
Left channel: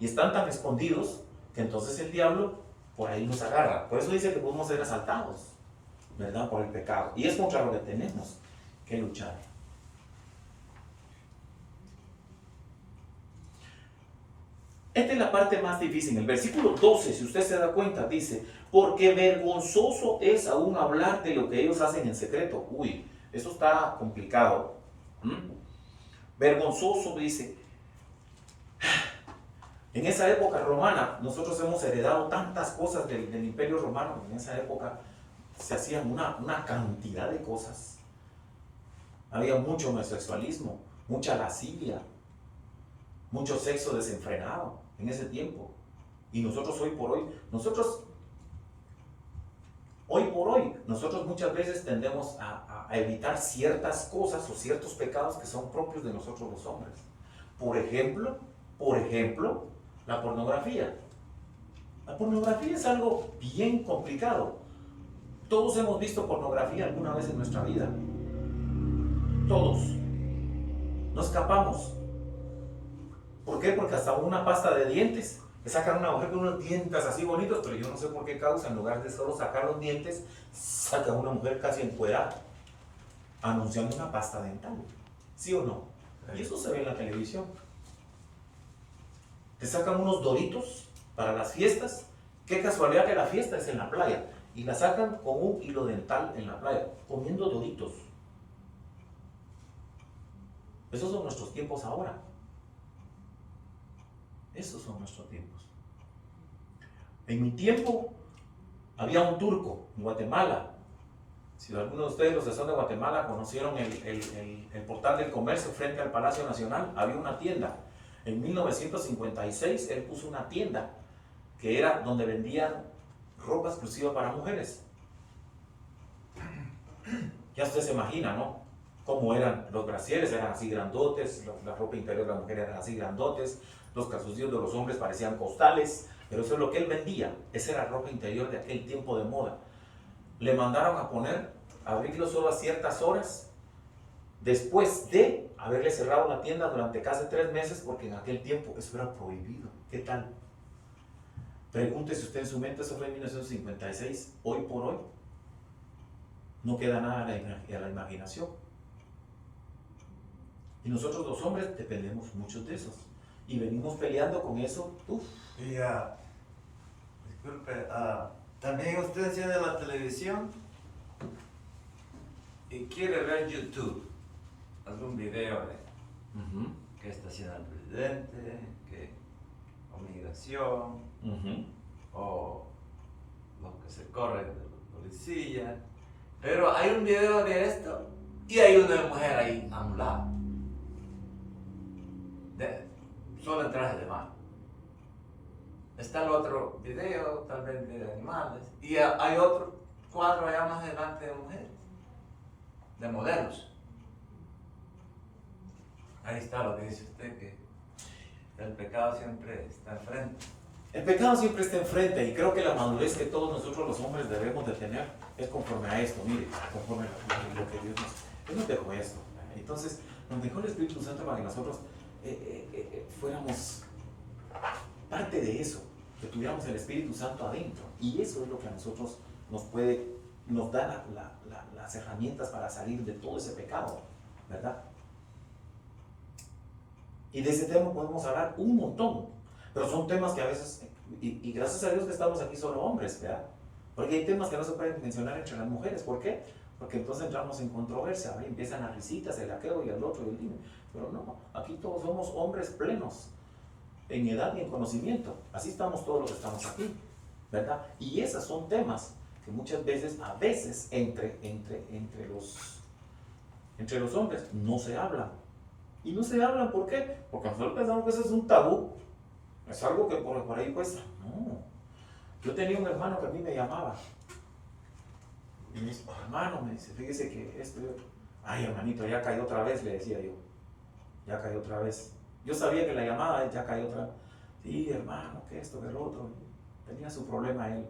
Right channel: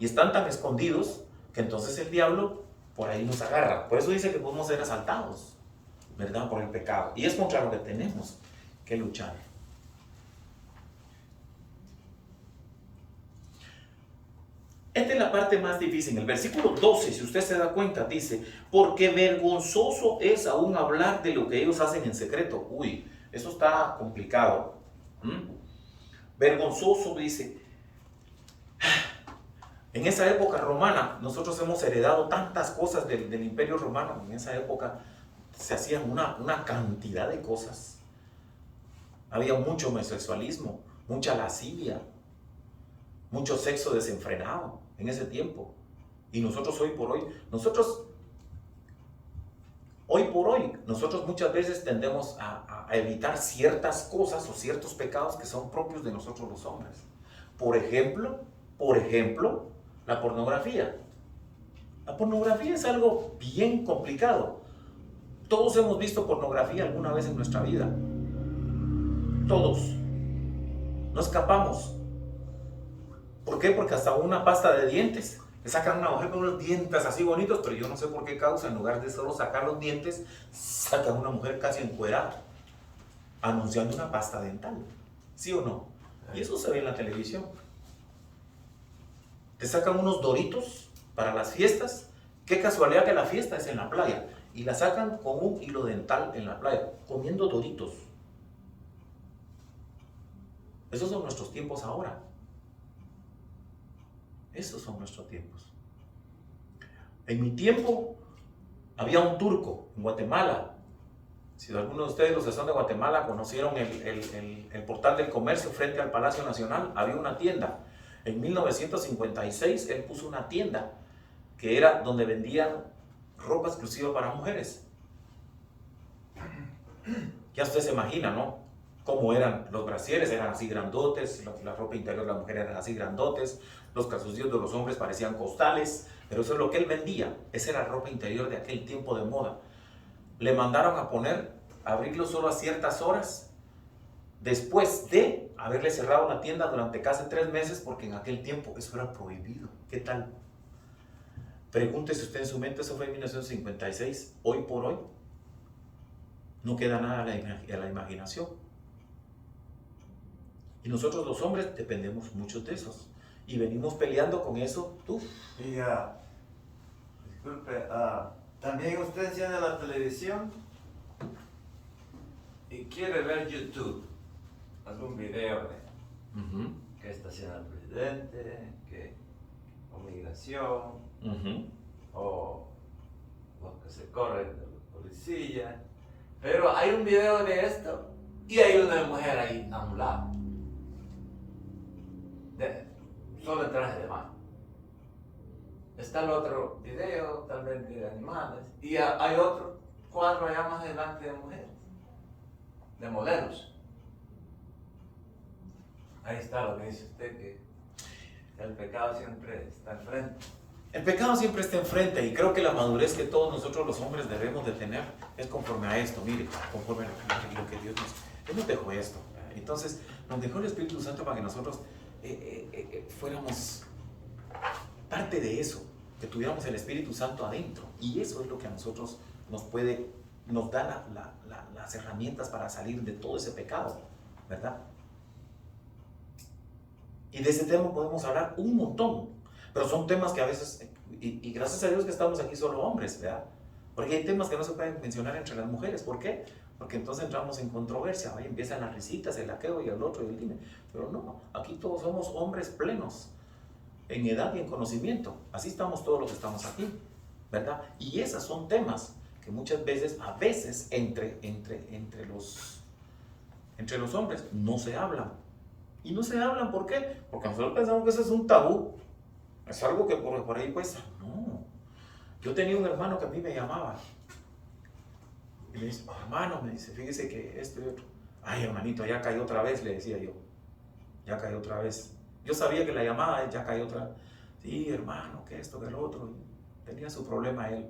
Y están tan escondidos que entonces el diablo por ahí nos agarra. Por eso dice que podemos ser asaltados, ¿verdad? Por el pecado. Y es contra lo que tenemos que luchar. Esta es la parte más difícil. En el versículo 12, si usted se da cuenta, dice, porque vergonzoso es aún hablar de lo que ellos hacen en secreto. Uy, eso está complicado. Vergonzoso, dice. En esa época romana, nosotros hemos heredado tantas cosas del Imperio Romano. En esa época se hacían una cantidad de cosas. Había mucho homosexualismo, mucha lascivia, mucho sexo desenfrenado en ese tiempo. Y nosotros hoy por hoy muchas veces tendemos a evitar ciertas cosas o ciertos pecados que son propios de nosotros los hombres. Por ejemplo, la pornografía. La pornografía es algo bien complicado. Todos hemos visto pornografía alguna vez en nuestra vida. Todos. No escapamos. ¿Por qué? Porque hasta una pasta de dientes. Le sacan a una mujer con unos dientes así bonitos, pero yo no sé por qué causa, en lugar de solo sacar los dientes, sacan a una mujer casi encuerada, anunciando una pasta dental. ¿Sí o no? Y eso se ve en la televisión. Te sacan unos doritos para las fiestas. Qué casualidad que la fiesta es en la playa. Y la sacan con un hilo dental en la playa, comiendo doritos. Esos son nuestros tiempos ahora. Esos son nuestros tiempos. En mi tiempo había un turco en Guatemala. Si alguno de ustedes, los que son de Guatemala, conocieron el portal del comercio frente al Palacio Nacional, había una tienda. En 1956 él puso una tienda que era donde vendían ropa exclusiva para mujeres. Ya usted se imagina, ¿no? Cómo eran los brasieres, eran así grandotes, la ropa interior de la mujer era así grandotes, los calzoncillos de los hombres parecían costales, pero eso es lo que él vendía. Esa era ropa interior de aquel tiempo de moda. Le mandaron a abrirlo solo a ciertas horas, después de haberle cerrado la tienda durante casi 3 meses, porque en aquel tiempo eso era prohibido. ¿Qué tal? Pregúntese usted en su mente, eso fue en 1956, hoy por hoy, no queda nada a la imaginación. Y nosotros los hombres dependemos mucho de esos. Y venimos peleando con eso. Y disculpe, también usted tiene la televisión y quiere ver YouTube, algún video de qué está haciendo el presidente, o migración, o lo que se corre de la policía. Pero hay un video de esto y hay una mujer ahí a un lado, solo en traje de baño. Está el otro video, tal vez de animales, y hay otro cuadro allá más adelante de mujeres, de modelos. Ahí está lo que dice usted, que el pecado siempre está enfrente. El pecado siempre está enfrente, y creo que la madurez que todos nosotros los hombres debemos de tener es conforme a esto. Mire, conforme a lo que Dios nos dejó esto. Entonces nos dejó el Espíritu Santo para que nosotros fuéramos parte de eso, que tuviéramos el Espíritu Santo adentro, y eso es lo que a nosotros nos da las herramientas para salir de todo ese pecado, ¿verdad? Y de ese tema podemos hablar un montón, pero son temas que a veces, y gracias a Dios que estamos aquí solo hombres, ¿verdad? Porque hay temas que no se pueden mencionar entre las mujeres. ¿Por qué? Porque entonces entramos en controversia, ¿va? Y empiezan las risitas, el aqueo y el otro y el dime. Pero no, aquí todos somos hombres plenos en edad y en conocimiento. Así estamos todos los que estamos aquí, ¿verdad? Y esos son temas que muchas veces, a veces, entre los hombres no se hablan. Y no se hablan, ¿por qué? Porque nosotros pensamos que eso es un tabú. Es algo que por ahí pues, no. Yo tenía un hermano que a mí me llamaba. Y me dice, hermano, me dice, fíjese que esto y otro. Ay, hermanito, ya cayó otra vez, le decía yo. Ya cayó otra vez. Yo sabía que la llamada ya cayó otra vez. Sí, hermano, que esto, que lo otro. Tenía su problema él.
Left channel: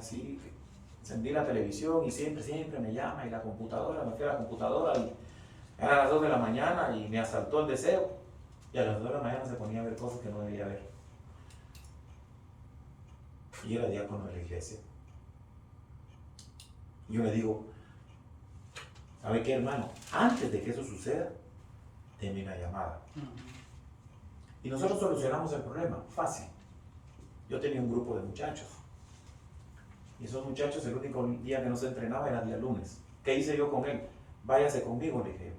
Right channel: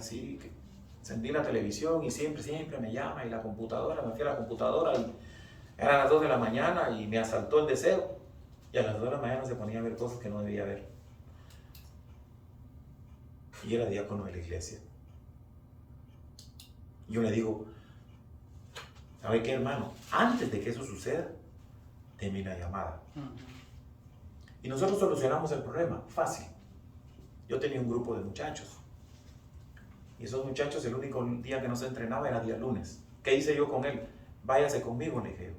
Sí, que encendí la televisión y siempre me llama, y la computadora, me fui a la computadora y eran las 2 de la mañana y me asaltó el deseo. Y a las 2 de la mañana se ponía a ver cosas que no debía ver. Y era diácono de la iglesia. Y yo le digo, ¿sabe qué, hermano? Antes de que eso suceda, deme una llamada. Y nosotros solucionamos el problema, fácil. Yo tenía un grupo de muchachos. Y esos muchachos, el único día que no se entrenaba era día lunes. ¿Qué hice yo con él? Váyase conmigo, le dije.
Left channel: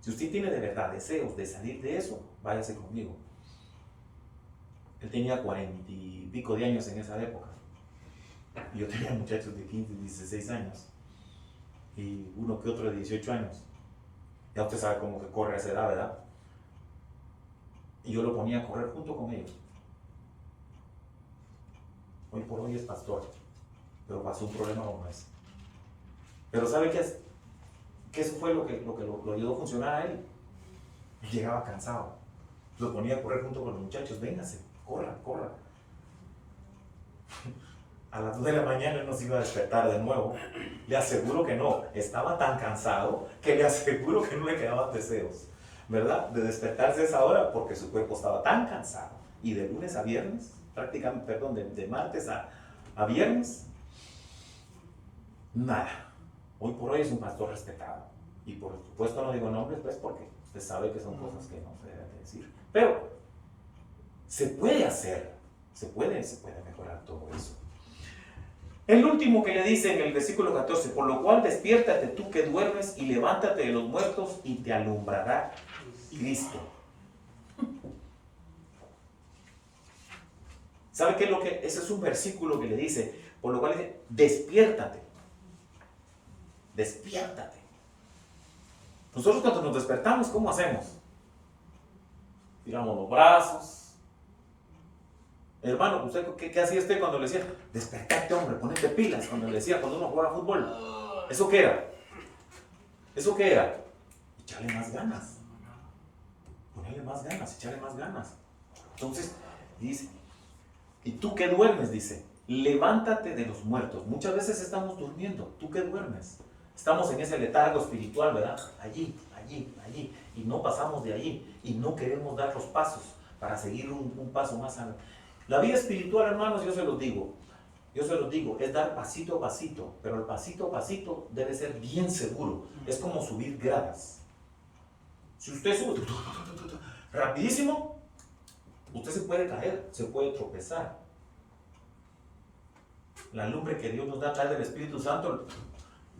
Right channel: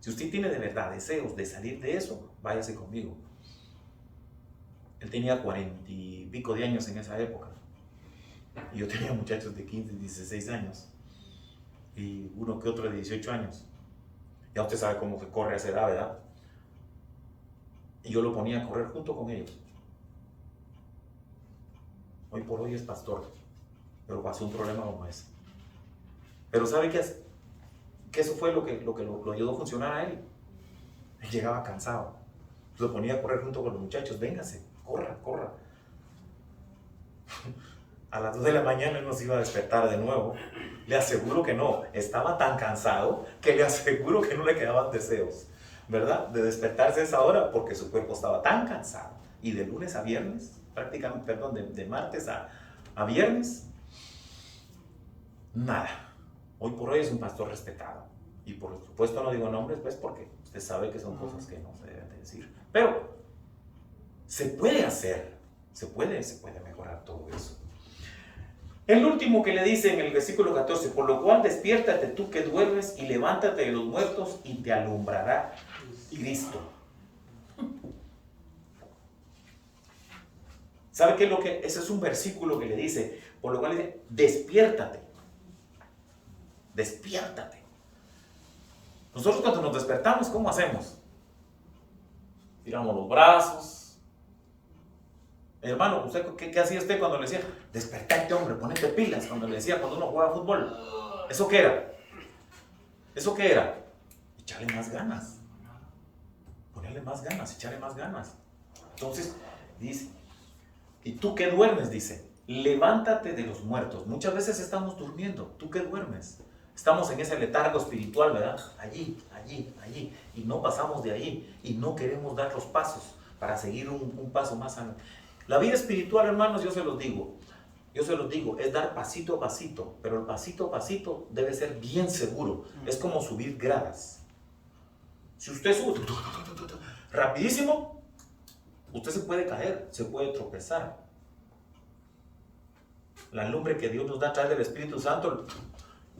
Si usted tiene de verdad deseos de salir de eso, váyase conmigo. Él tenía 40 y pico de años en esa época. Y yo tenía muchachos de 15, 16 años. Y uno que otro de 18 años. Ya usted sabe cómo se corre a esa edad, ¿verdad? Y yo lo ponía a correr junto con ellos. Hoy por hoy es pastor, pero pasó un problema como ese. Pero ¿sabe qué es? Que eso fue lo ayudó a funcionar a él. Él llegaba cansado. Lo ponía a correr junto con los muchachos. Véngase, corra, corra. A las 2 de la mañana él nos iba a despertar de nuevo. Le aseguro que no. Estaba tan cansado que le aseguro que no le quedaban deseos, ¿verdad? De despertarse a esa hora porque su cuerpo estaba tan cansado. Y de lunes a viernes, prácticamente, perdón, de martes a viernes, nada. Hoy por hoy es un pastor respetado. Y por supuesto no digo nombres, pues porque usted sabe que son cosas que no se deben de decir. Pero se puede hacer, se puede mejorar todo eso. El último que le dice en el versículo 14, por lo cual despiértate tú que duermes y levántate de los muertos y te alumbrará Cristo. ¿Sabe qué es lo que? Ese es un versículo que le dice, por lo cual le dice, despiértate. Despiértate. Nosotros cuando nos despertamos, ¿cómo hacemos? Tiramos los brazos. Hermano, ¿usted qué hacía usted cuando le decía, despertate hombre, ponete pilas? Cuando le decía, cuando uno juega fútbol. ¿Eso qué era? ¿Eso qué era? Echarle más ganas. Ponerle más ganas, echarle más ganas. Entonces, dice, y tú que duermes, dice, levántate de los muertos. Muchas veces estamos durmiendo, tú que duermes. Estamos en ese letargo espiritual, ¿verdad? Allí, y no pasamos de allí, y no queremos dar los pasos para seguir un paso más adelante. La vida espiritual, hermanos, yo se los digo, es dar pasito a pasito, pero el pasito a pasito debe ser bien seguro. Es como subir gradas. Si usted sube rapidísimo, usted se puede caer, se puede tropezar. La lumbre que Dios nos da a través del Espíritu Santo,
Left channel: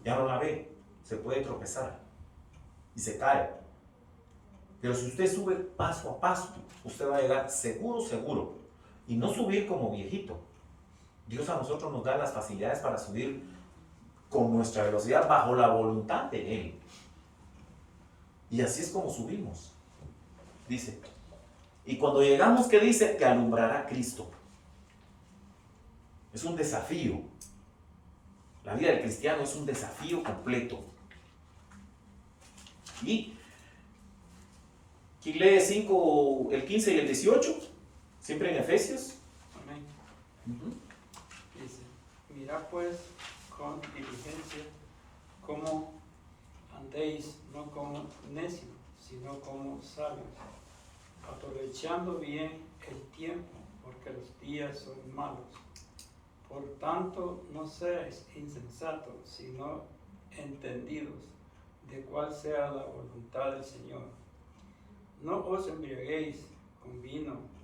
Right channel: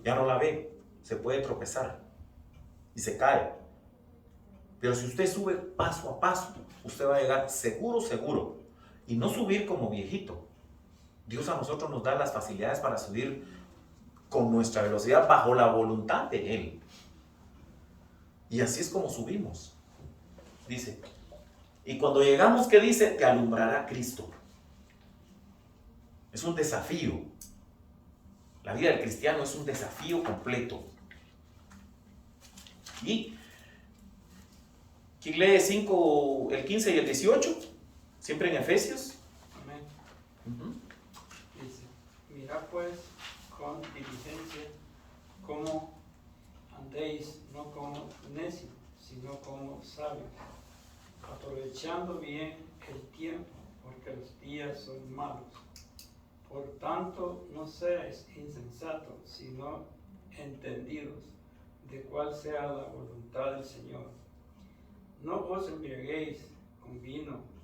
ya no la ve, se puede tropezar y se cae. Pero si usted sube paso a paso, usted va a llegar seguro. Y no subir como viejito. Dios a nosotros nos da las facilidades para subir con nuestra velocidad bajo la voluntad de Él. Y así es como subimos. Dice, y cuando llegamos, ¿qué dice? Te alumbrará Cristo. Es un desafío. La vida del cristiano es un desafío completo. ¿Y quién lee 5, el 15 y el 18? Siempre en Efesios. Amén. Dice, mirad pues con diligencia cómo andéis, no como necios, sino como sabios, aprovechando bien el tiempo, porque los días son malos. Por tanto, no seáis insensatos, sino entendidos de cuál sea la voluntad del Señor. No os embriaguéis con vino,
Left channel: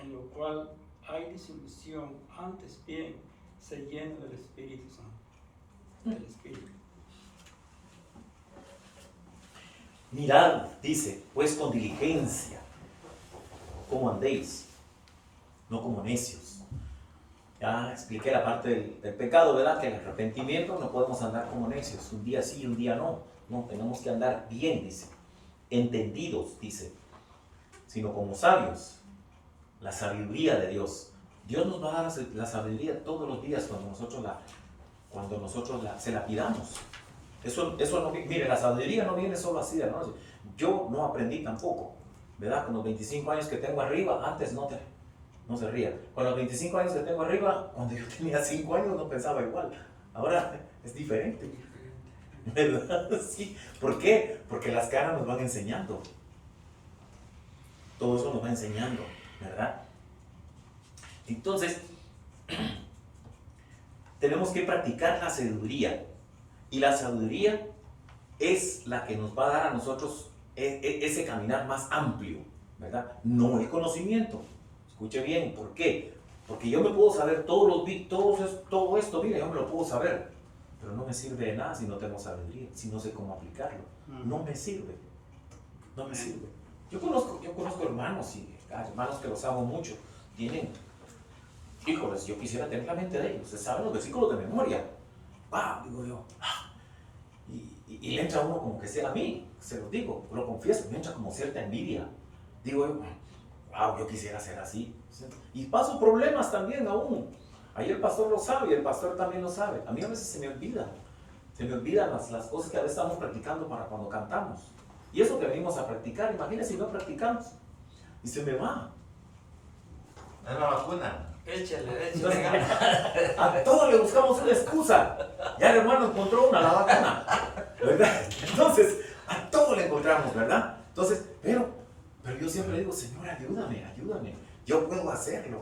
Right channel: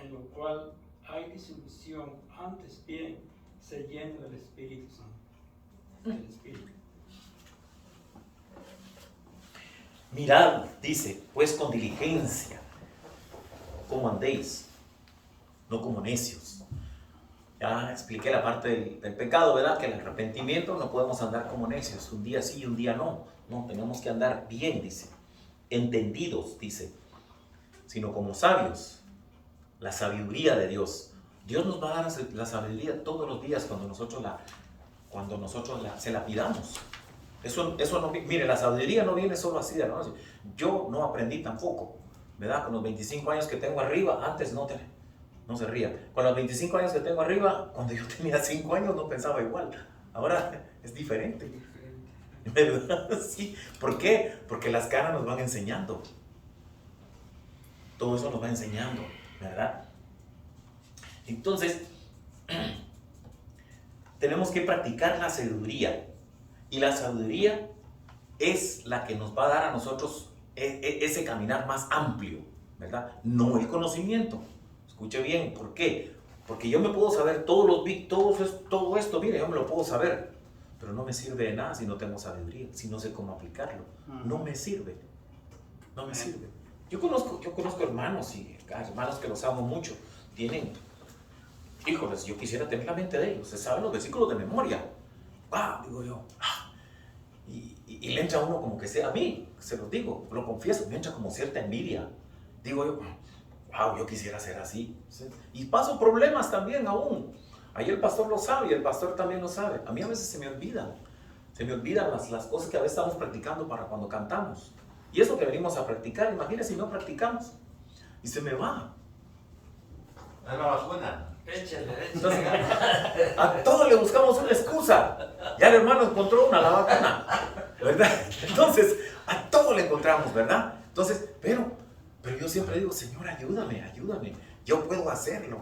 en lo cual hay disolución, antes bien, se llena del Espíritu Santo. Del Espíritu. Mirad, dice, pues con diligencia, cómo andéis, no como necios. Ya expliqué la parte del pecado, ¿verdad? Que el arrepentimiento no podemos andar como necios, un día sí, un día no. No, tenemos que andar bien, dice. Entendidos, dice, sino como sabios. La sabiduría de Dios. Dios nos va a dar la sabiduría todos los días cuando nosotros se la pidamos. Eso no, mire, la sabiduría no viene solo así, ¿no? Yo no aprendí tampoco, ¿verdad? Con los 25 años que tengo arriba, antes no se ría. Con los 25 años que tengo arriba, cuando yo tenía 5 años no pensaba igual. Ahora es diferente, ¿verdad? Sí. ¿Por qué? Porque las caras nos van enseñando. Todo eso nos va enseñando, ¿verdad? Entonces, tenemos que practicar la sabiduría. Y la sabiduría es la que nos va a dar a nosotros ese caminar más amplio, ¿verdad? No el conocimiento. Escuche bien, ¿por qué? Porque yo me puedo saber todo esto, mire, yo me lo puedo saber, pero no me sirve de nada si no tengo sabiduría, si no sé cómo aplicarlo. No me sirve, no me sirve. Yo conozco hermanos y hermanos que los amo mucho, tienen, híjoles, yo quisiera tener la mente de ellos, se saben los versículos de memoria. ¡Wow! Digo yo. Y le entra uno como que sea a mí, se los digo, lo confieso, me entra como cierta envidia. Digo yo, wow, yo quisiera ser así. ¿Sí? Y paso problemas también aún. Ahí el pastor lo sabe y el pastor también lo sabe. A mí a veces se me olvidan las cosas que a veces estamos practicando para cuando cantamos. Y eso que venimos a practicar, imagínense si no practicamos. Y se me va. Es la vacuna. Entonces, a todos le buscamos una excusa. Ya el hermano encontró una, la vacuna, ¿verdad? Entonces, a todos le encontramos, ¿verdad? Entonces, pero yo siempre digo, Señor, ayúdame. Yo puedo hacerlo.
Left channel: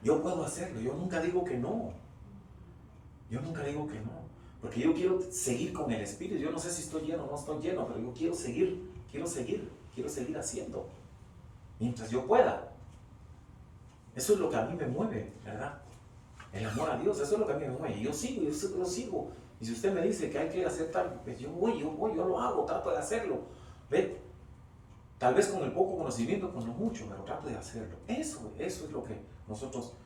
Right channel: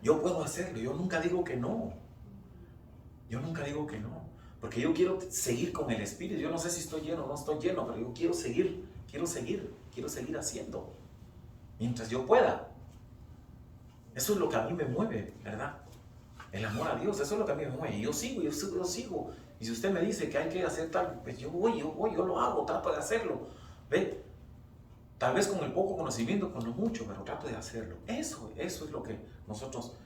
Yo nunca digo que no. Porque yo quiero seguir con el Espíritu. Yo no sé si estoy lleno o no estoy lleno, pero yo quiero seguir haciendo. Mientras yo pueda. Eso es lo que a mí me mueve, ¿verdad? El amor a Dios, eso es lo que a mí me mueve. Y yo sigo. Y si usted me dice que hay que hacer tal, pues yo lo hago, trato de hacerlo. ¿Ve? Tal vez con el poco conocimiento, con lo mucho, pero trato de hacerlo. Eso es lo que nosotros...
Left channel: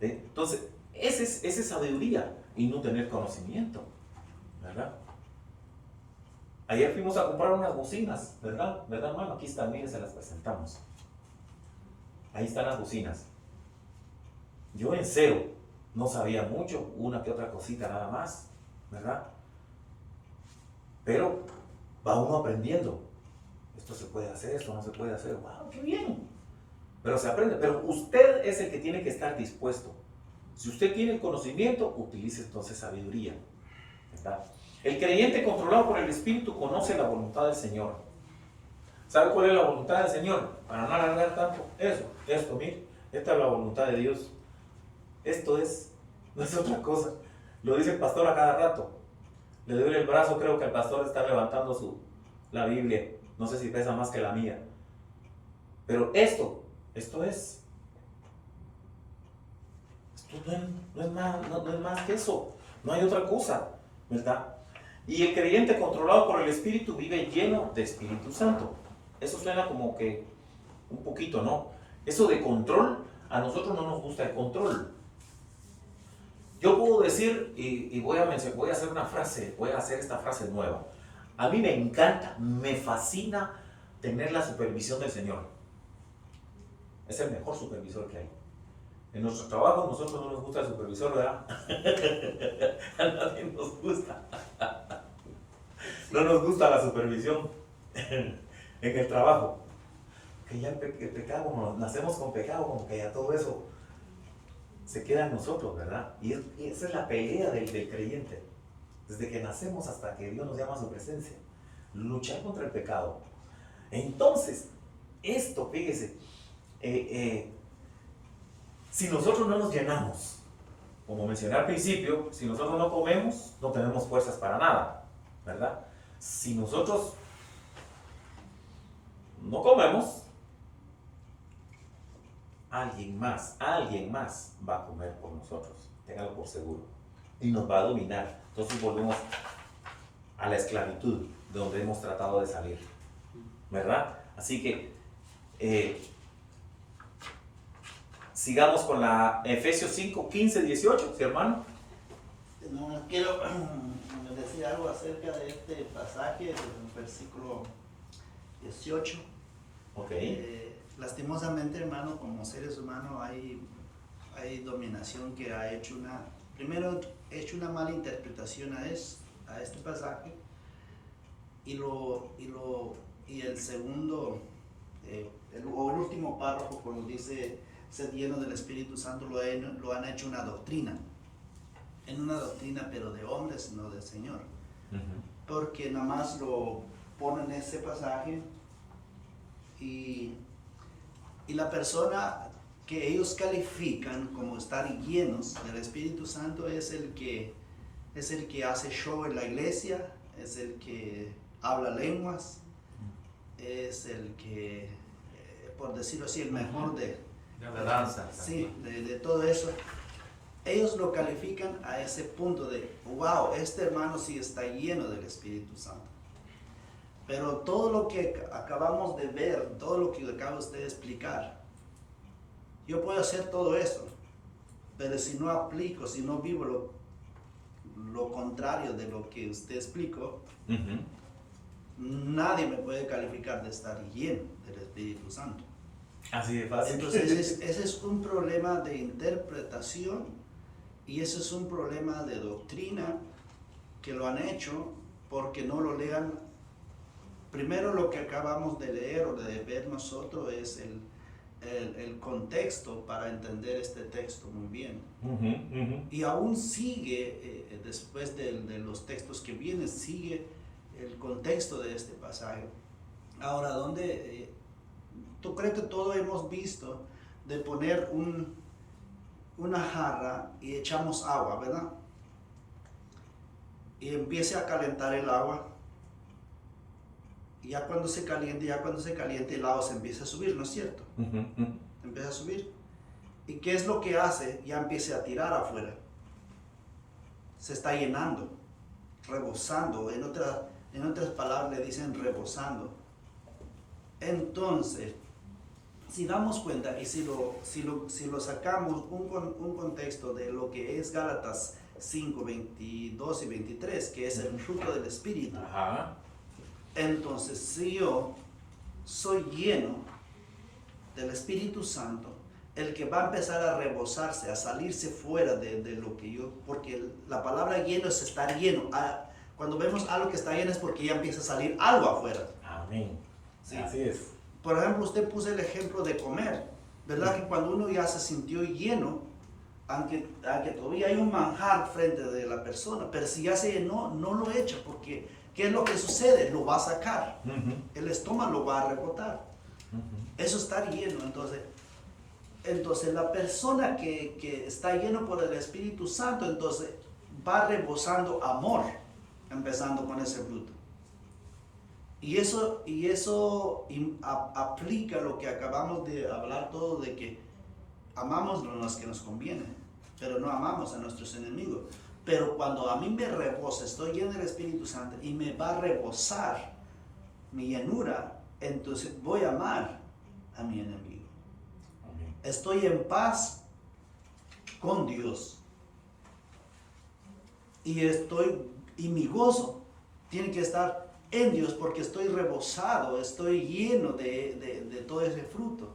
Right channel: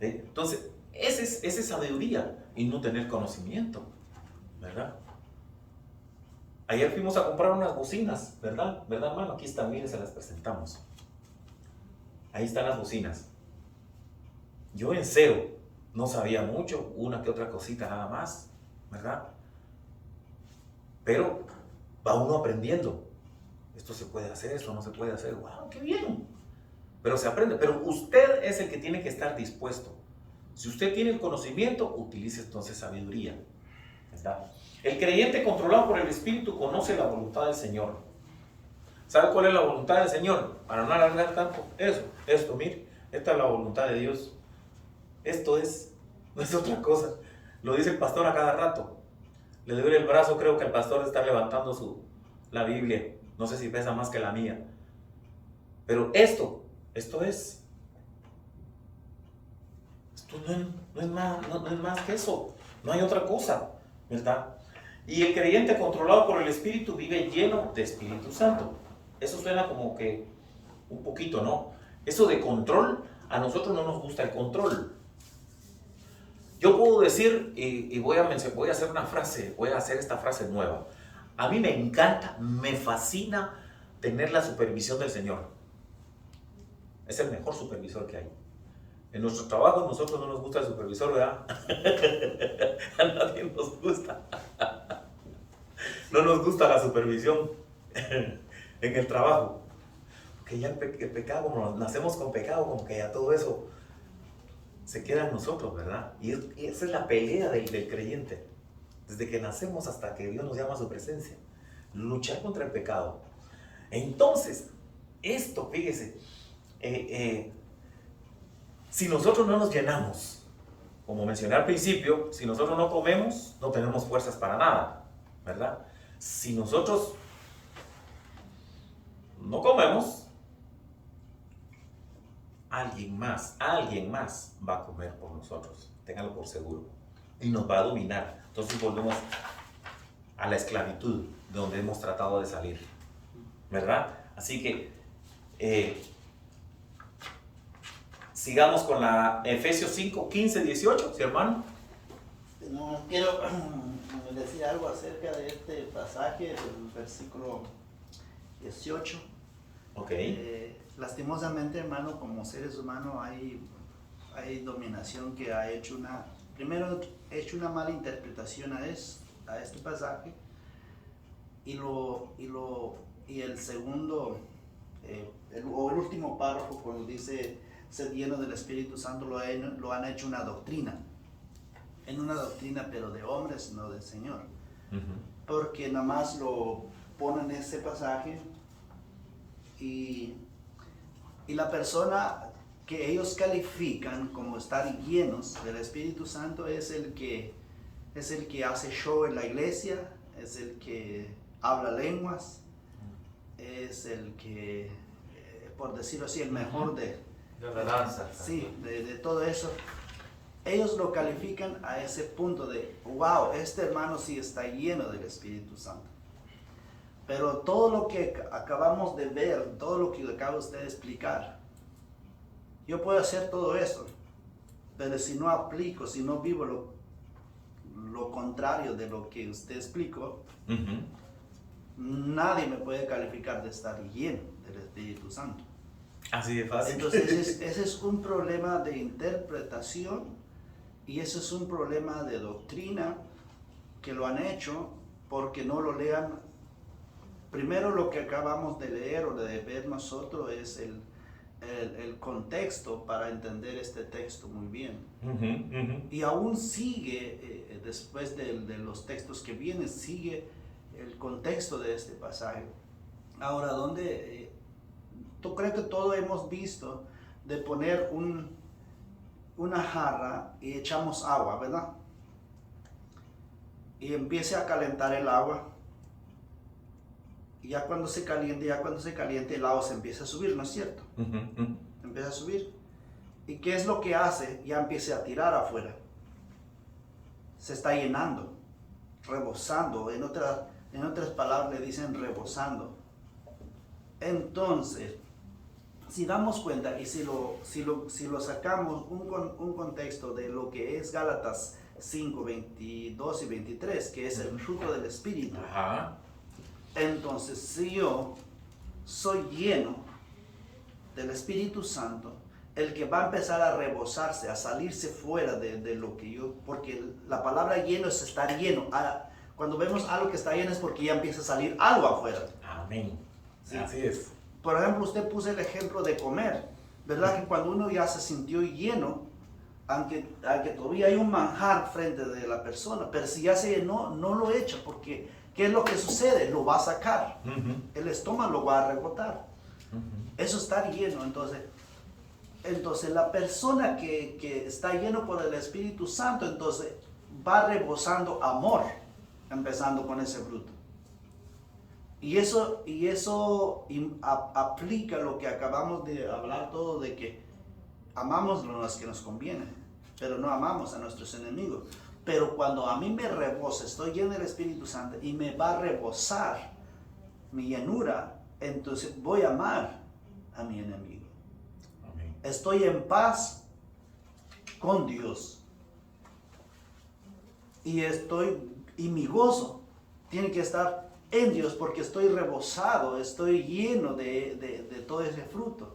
Entonces, esa es sabiduría y no tener conocimiento, ¿verdad? Ayer fuimos a comprar unas bocinas, ¿verdad? ¿Verdad, hermano? Aquí están, miren, se las presentamos. Ahí están las bocinas. Yo en cero no sabía mucho, una que otra cosita nada más, ¿verdad? Pero va uno aprendiendo. Esto se puede hacer, esto no se puede hacer. ¡Wow, qué bien! Pero se aprende. Pero usted es el que tiene que estar dispuesto. Si usted tiene el conocimiento, utilice entonces sabiduría, ¿verdad? El creyente controlado por el Espíritu conoce la voluntad del Señor. ¿Sabe cuál es la voluntad del Señor? Para no alargar tanto. Esto, mire, esta es la voluntad de Dios. Esto no es otra cosa. Lo dice el pastor a cada rato. Le doy el brazo, creo que el pastor está levantando la Biblia. No sé si pesa más que la mía. Pero esto es. Esto no es más que eso. No hay otra cosa, ¿verdad? Y el creyente controlado por el Espíritu vive lleno de Espíritu Santo. Eso suena como que un poquito, ¿no? Eso de control, a nosotros no nos gusta el control. Yo puedo decir, y voy a hacer una frase, voy a hacer esta frase nueva. A mí me encanta, me fascina tener la supervisión del Señor. Es el mejor supervisor que hay. En nuestros trabajos nosotros no nos gusta el supervisor, ¿verdad? A nadie nos gusta. No nos gusta la supervisión en el trabajo. Porque ya el pecado, nacemos con pecado, como que ya todo eso se queda en nosotros, ¿verdad? Y esa es la pelea del creyente. Desde que nacemos hasta que Dios nos llama a su presencia. Luchar contra el pecado. Entonces, esto, fíjese, si nosotros no nos llenamos, como mencioné al principio, si nosotros no comemos, no tenemos fuerzas para nada, ¿verdad? Si nosotros no comemos, alguien más va a comer por nosotros, ténganlo por seguro, y nos va a dominar. Entonces volvemos a la esclavitud de donde hemos tratado de salir, ¿verdad? Así que sigamos con la Efesios 5, 15, 18, ¿sí, hermano? No, quiero decir algo acerca de este pasaje del versículo 18. Ok. Lastimosamente, hermano, como seres humanos hay dominación que ha hecho una mala interpretación a este pasaje, y el segundo, el último párrafo, cuando dice ser lleno del Espíritu Santo, lo han hecho una doctrina, pero de hombres, no del Señor. Porque nada más lo ponen en ese pasaje y la persona que ellos califican como estar llenos del Espíritu Santo es el que hace show en la iglesia, es el que habla lenguas, es el que por decirlo así, el mejor de la danza. sí, de todo eso, ellos lo califican a ese punto de, wow, este hermano sí está lleno del Espíritu Santo. Pero todo lo que acabamos de ver, todo lo que acaba usted de explicar, yo puedo hacer todo eso, pero si no aplico, si no vivo lo contrario de lo que usted explicó, nadie me puede calificar de estar lleno del Espíritu Santo. Así de fácil. Entonces ese es un problema de interpretación y ese es un problema de doctrina que lo han hecho porque no lo lean. Primero lo que acabamos de leer o de ver nosotros es el contexto para entender este texto muy bien. Y aún sigue, después de los textos que vienen, sigue el contexto de este pasaje. Ahora, ¿dónde? ¿Tú crees que todos hemos visto de poner una jarra y echamos agua, verdad? Y empieza a calentar el agua. Y ya cuando se caliente el agua se empieza a subir, ¿no es cierto? Empieza a subir. ¿Y qué es lo que hace? Ya empieza a tirar afuera. Se está llenando, rebosando. En otras palabras le dicen rebosando. Entonces, si damos cuenta y si lo sacamos un contexto de lo que es Gálatas 5, 22 y 23, que es el fruto del Espíritu. Ajá. Entonces, si yo soy lleno del Espíritu Santo, el que va a empezar a rebosarse, a salirse fuera de lo que yo, porque la palabra lleno es estar lleno. Cuando vemos algo que está lleno es porque ya empieza a salir algo afuera. Amén. Sí. Así es. Por ejemplo, usted puso el ejemplo de comer, ¿verdad? Que cuando uno ya se sintió lleno, aunque todavía hay un manjar frente de la persona, pero si ya se llenó, no lo echa, porque ¿qué es lo que sucede? Lo va a sacar. El estómago lo va a rebotar. Eso está lleno. Entonces la persona que está lleno por el Espíritu Santo, entonces va rebosando amor, empezando con ese fruto. Y eso aplica lo que acabamos de hablar todo, de que amamos a los que nos conviene, pero no amamos a nuestros enemigos. Pero cuando a mí me rebosa, estoy lleno del Espíritu Santo y me va a rebosar mi llenura, entonces voy a amar a mi enemigo. Amén. Estoy en paz con Dios. Y mi gozo tiene que estar en Dios porque estoy rebosado, estoy lleno de todo ese fruto.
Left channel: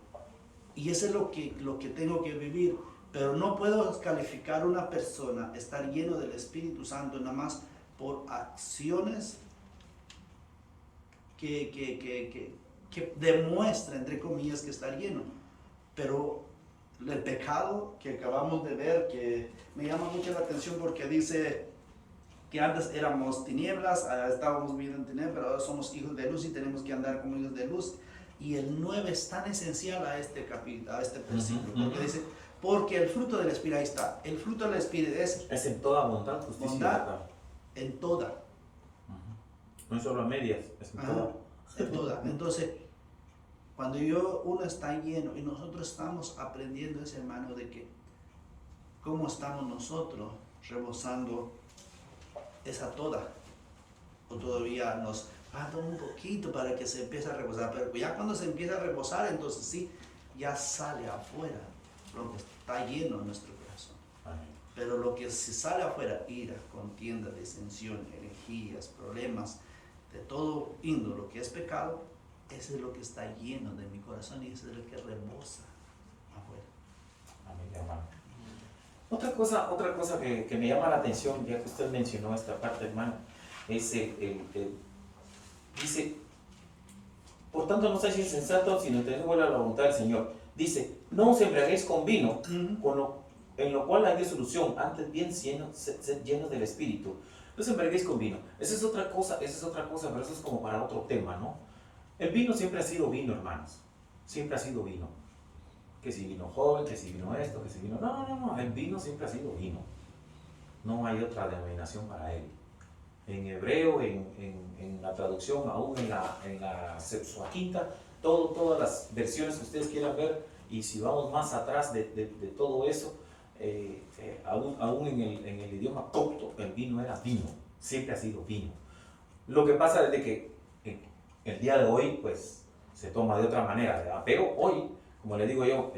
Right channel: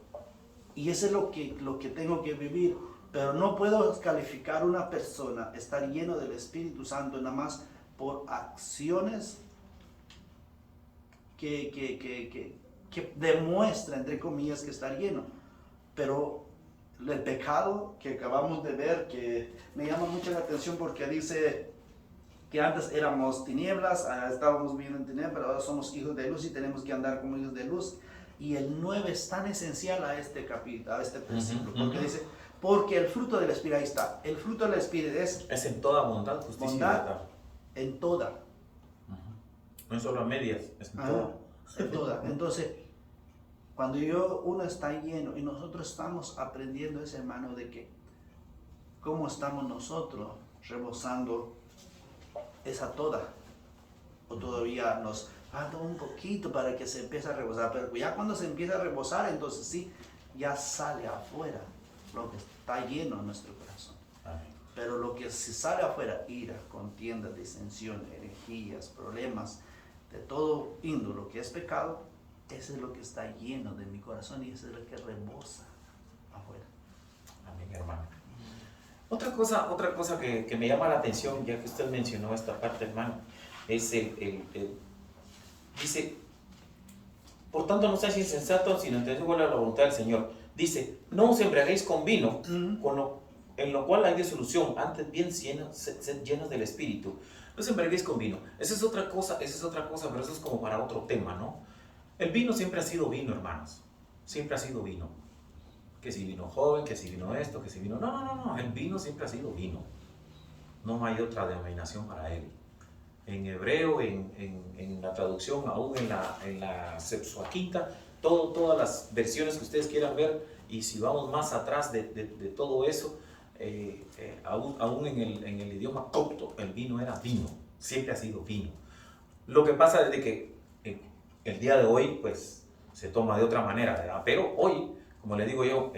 Y eso es lo que tengo que vivir. Pero no puedo calificar una persona estar lleno del Espíritu Santo nada más por acciones que demuestra, entre comillas, que está lleno. Pero el pecado que acabamos de ver, que me llama mucho la atención porque dice que antes éramos tinieblas, estábamos viviendo en tinieblas, pero ahora somos hijos de luz y tenemos que andar como hijos de luz. Y el 9 es tan esencial a este capítulo, a este versículo, porque dice, porque el fruto del Espíritu, ahí está, el fruto del Espíritu es en toda bondad, justicia y bondad, verdad. en toda. No es solo a medias, es en toda. En toda. Entonces, cuando uno está lleno y nosotros estamos aprendiendo ese hermano de que cómo estamos nosotros rebosando esa toda, o todavía nos falta un poquito para que se empiece a rebosar, pero ya cuando se empieza a rebosar, entonces sí, ya sale afuera lo que está lleno en nuestro corazón. Amén. Pero lo que si sale afuera, ira, contienda, disensión, herejías, problemas, de todo índole, lo que es pecado, eso es lo que está lleno de mi corazón y eso es lo que rebosa afuera. Amén, hermano. Otra cosa que me llama la atención, ya que usted mencionó esta parte, hermano, es dice, por tanto no seáis insensatos, sino entonces vuelve a la voluntad del Señor. Dice, no os embriaguéis con vino, en lo cual hay disolución, antes bien sed llenos del Espíritu. No os embriaguéis con vino. Esa es otra cosa, pero eso es como para otro tema, ¿no? El vino siempre ha sido vino, hermanos. Siempre ha sido vino. Que si vino joven, que si vino esto, que si vino... No. El vino siempre ha sido vino. No hay otra denominación para él. En hebreo, en la traducción, aún en la Septuaginta, todas las versiones que ustedes quieran ver, y si vamos más atrás de todo eso, aún en el idioma copto, el vino era vino, siempre ha sido vino. Lo que pasa es de que el día de hoy, pues, se toma de otra manera, ¿verdad? Pero hoy, como le digo yo,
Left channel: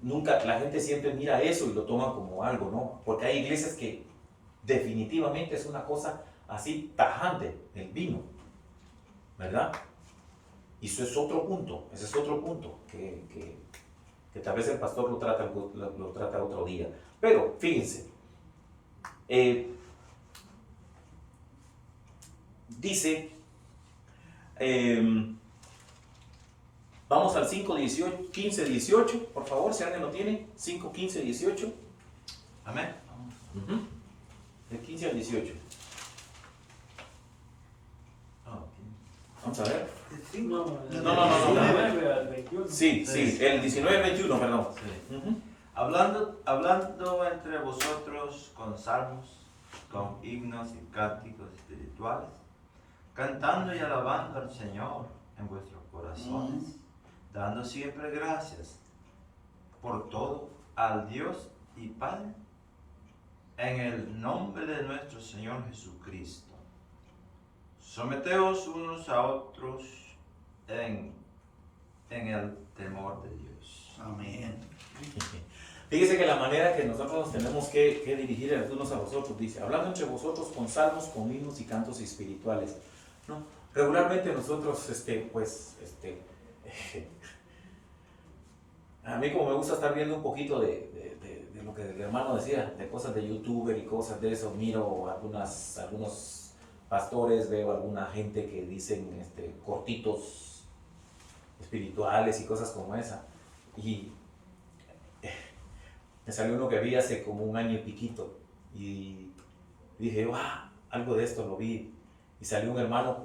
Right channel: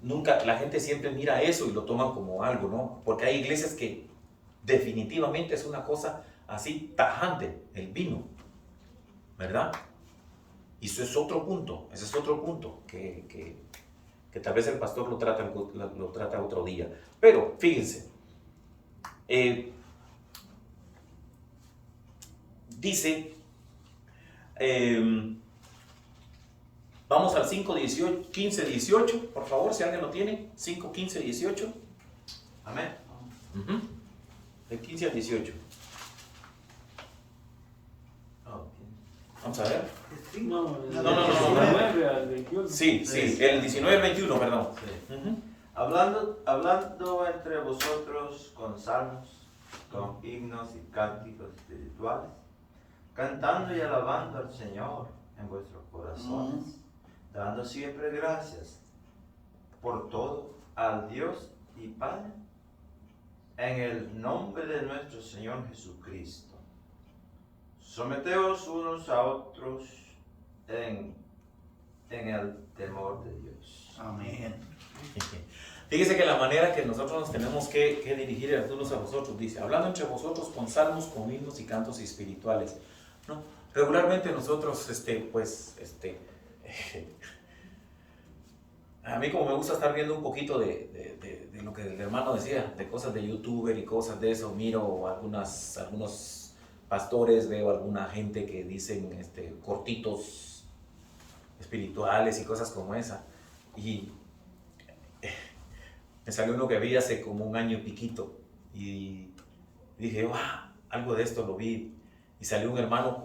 nunca, la gente siempre mira eso y lo toman como algo, ¿no? Porque hay iglesias que definitivamente es una cosa así tajante, el vino, ¿verdad? Y eso es otro punto, ese es otro punto que tal vez el pastor lo trata otro día. Pero fíjense, dice, vamos al 5, 15, 18, por favor, si alguien lo tiene, 5, 15, 18. Amén. De 15 al 18. Vamos a ver. No. No. Sí, el 19 al 21, perdón. Sí. Hablando entre vosotros con salmos, con himnos y cánticos espirituales, cantando y alabando al Señor en vuestros corazones, dando siempre gracias por todo al Dios y Padre, en el nombre de nuestro Señor Jesucristo. Someteos unos a otros en el temor de Dios. Amén. Fíjese que la manera que nosotros nos tenemos que dirigir unos a los otros, dice, hablando entre vosotros con salmos, con himnos y cantos espirituales, ¿no? Regularmente nosotros, a mí como me gusta estar viendo un poquito de lo que el hermano decía, de cosas de youtuber y cosas de eso, miro algunos pastores, veo alguna gente que dicen cortitos espirituales y cosas como esa, y me salió uno que vi hace como un año y piquito, y dije, algo de esto lo vi, y salió un hermano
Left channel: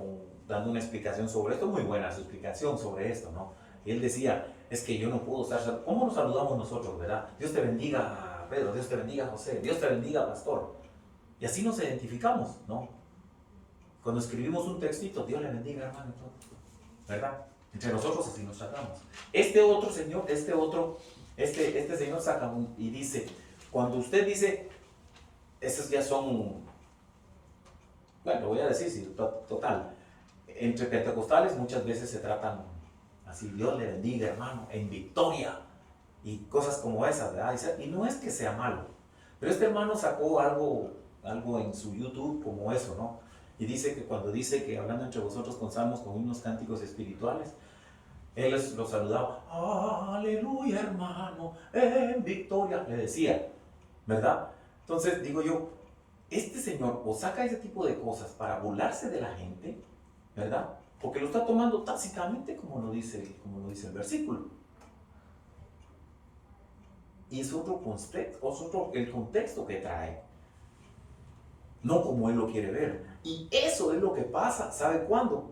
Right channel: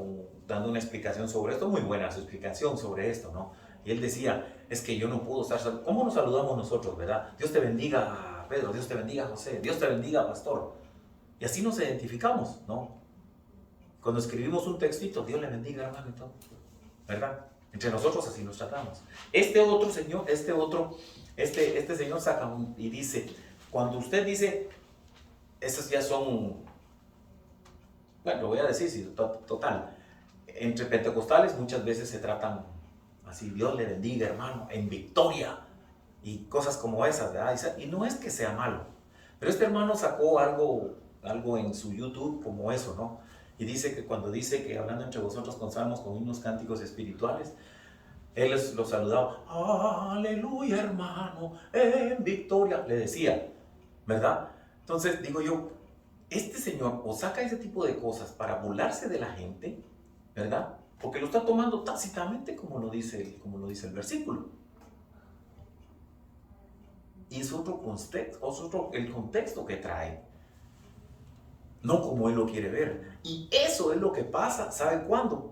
dando una explicación sobre esto, muy buena su explicación sobre esto, ¿no? Y él decía, es que yo no puedo estar, ¿cómo nos saludamos nosotros, verdad? Dios te bendiga, Pedro, Dios te bendiga, José, Dios te bendiga, pastor. Y así nos identificamos, ¿no? Cuando escribimos un textito, Dios le bendiga, hermano, y todo, ¿verdad? Entre nosotros así nos tratamos. Este señor saca y dice, cuando usted dice, estos ya son, bueno, lo voy a decir, sí, total, entre pentecostales muchas veces se tratan así, Dios le bendiga, hermano, en victoria, y cosas como esas, ¿verdad? Y no es que sea malo, pero este hermano sacó algo en su YouTube como eso, ¿no? Y dice que cuando dice que hablando entre vosotros con salmos, con himnos, cánticos espirituales, él los saludaba, aleluya hermano, en victoria, le decía, ¿verdad? Entonces digo yo, este señor o saca ese tipo de cosas para burlarse de la gente, ¿verdad? Porque lo está tomando tácitamente como lo dice el versículo. Y es otro contexto, el contexto que trae, no como él lo quiere ver. Y eso es lo que pasa, ¿sabe cuándo?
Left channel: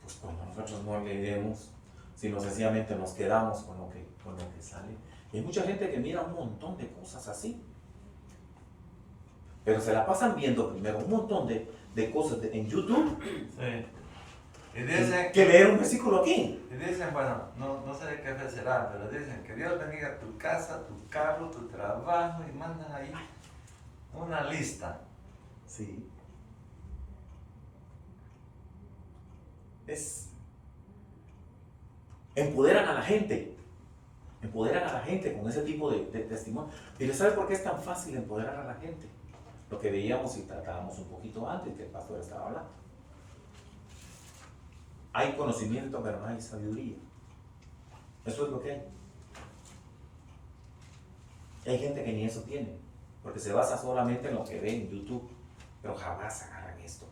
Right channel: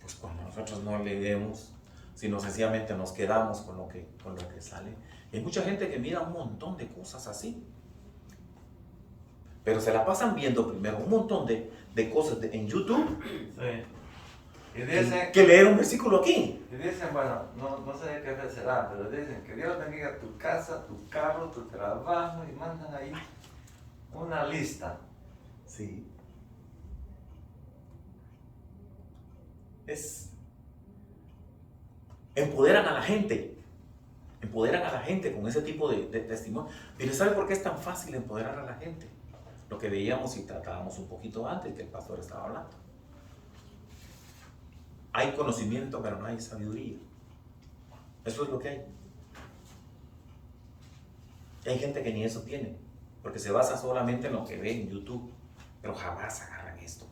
Pues cuando nosotros no leemos, sino sencillamente nos quedamos con lo que sale. Y hay mucha gente que mira un montón de cosas así, pero se la pasan viendo primero un montón de cosas en YouTube. Sí. Y dicen que leer un versículo aquí. Y dicen, bueno, no sé de qué fe será, pero dicen que Dios bendiga tu casa, tu carro, tu trabajo, y mandan ahí una lista. Sí. Empoderan a la gente con ese tipo de testimonio. Pero ¿sabe por qué es tan fácil empoderar a la gente? Lo que veíamos y tratábamos un poquito antes que el pastor estaba hablando. Hay conocimiento, pero no hay sabiduría. Eso es lo que hay. Y hay gente que ni eso tiene, porque se basa solamente en lo que ve en YouTube, pero jamás agarran esto,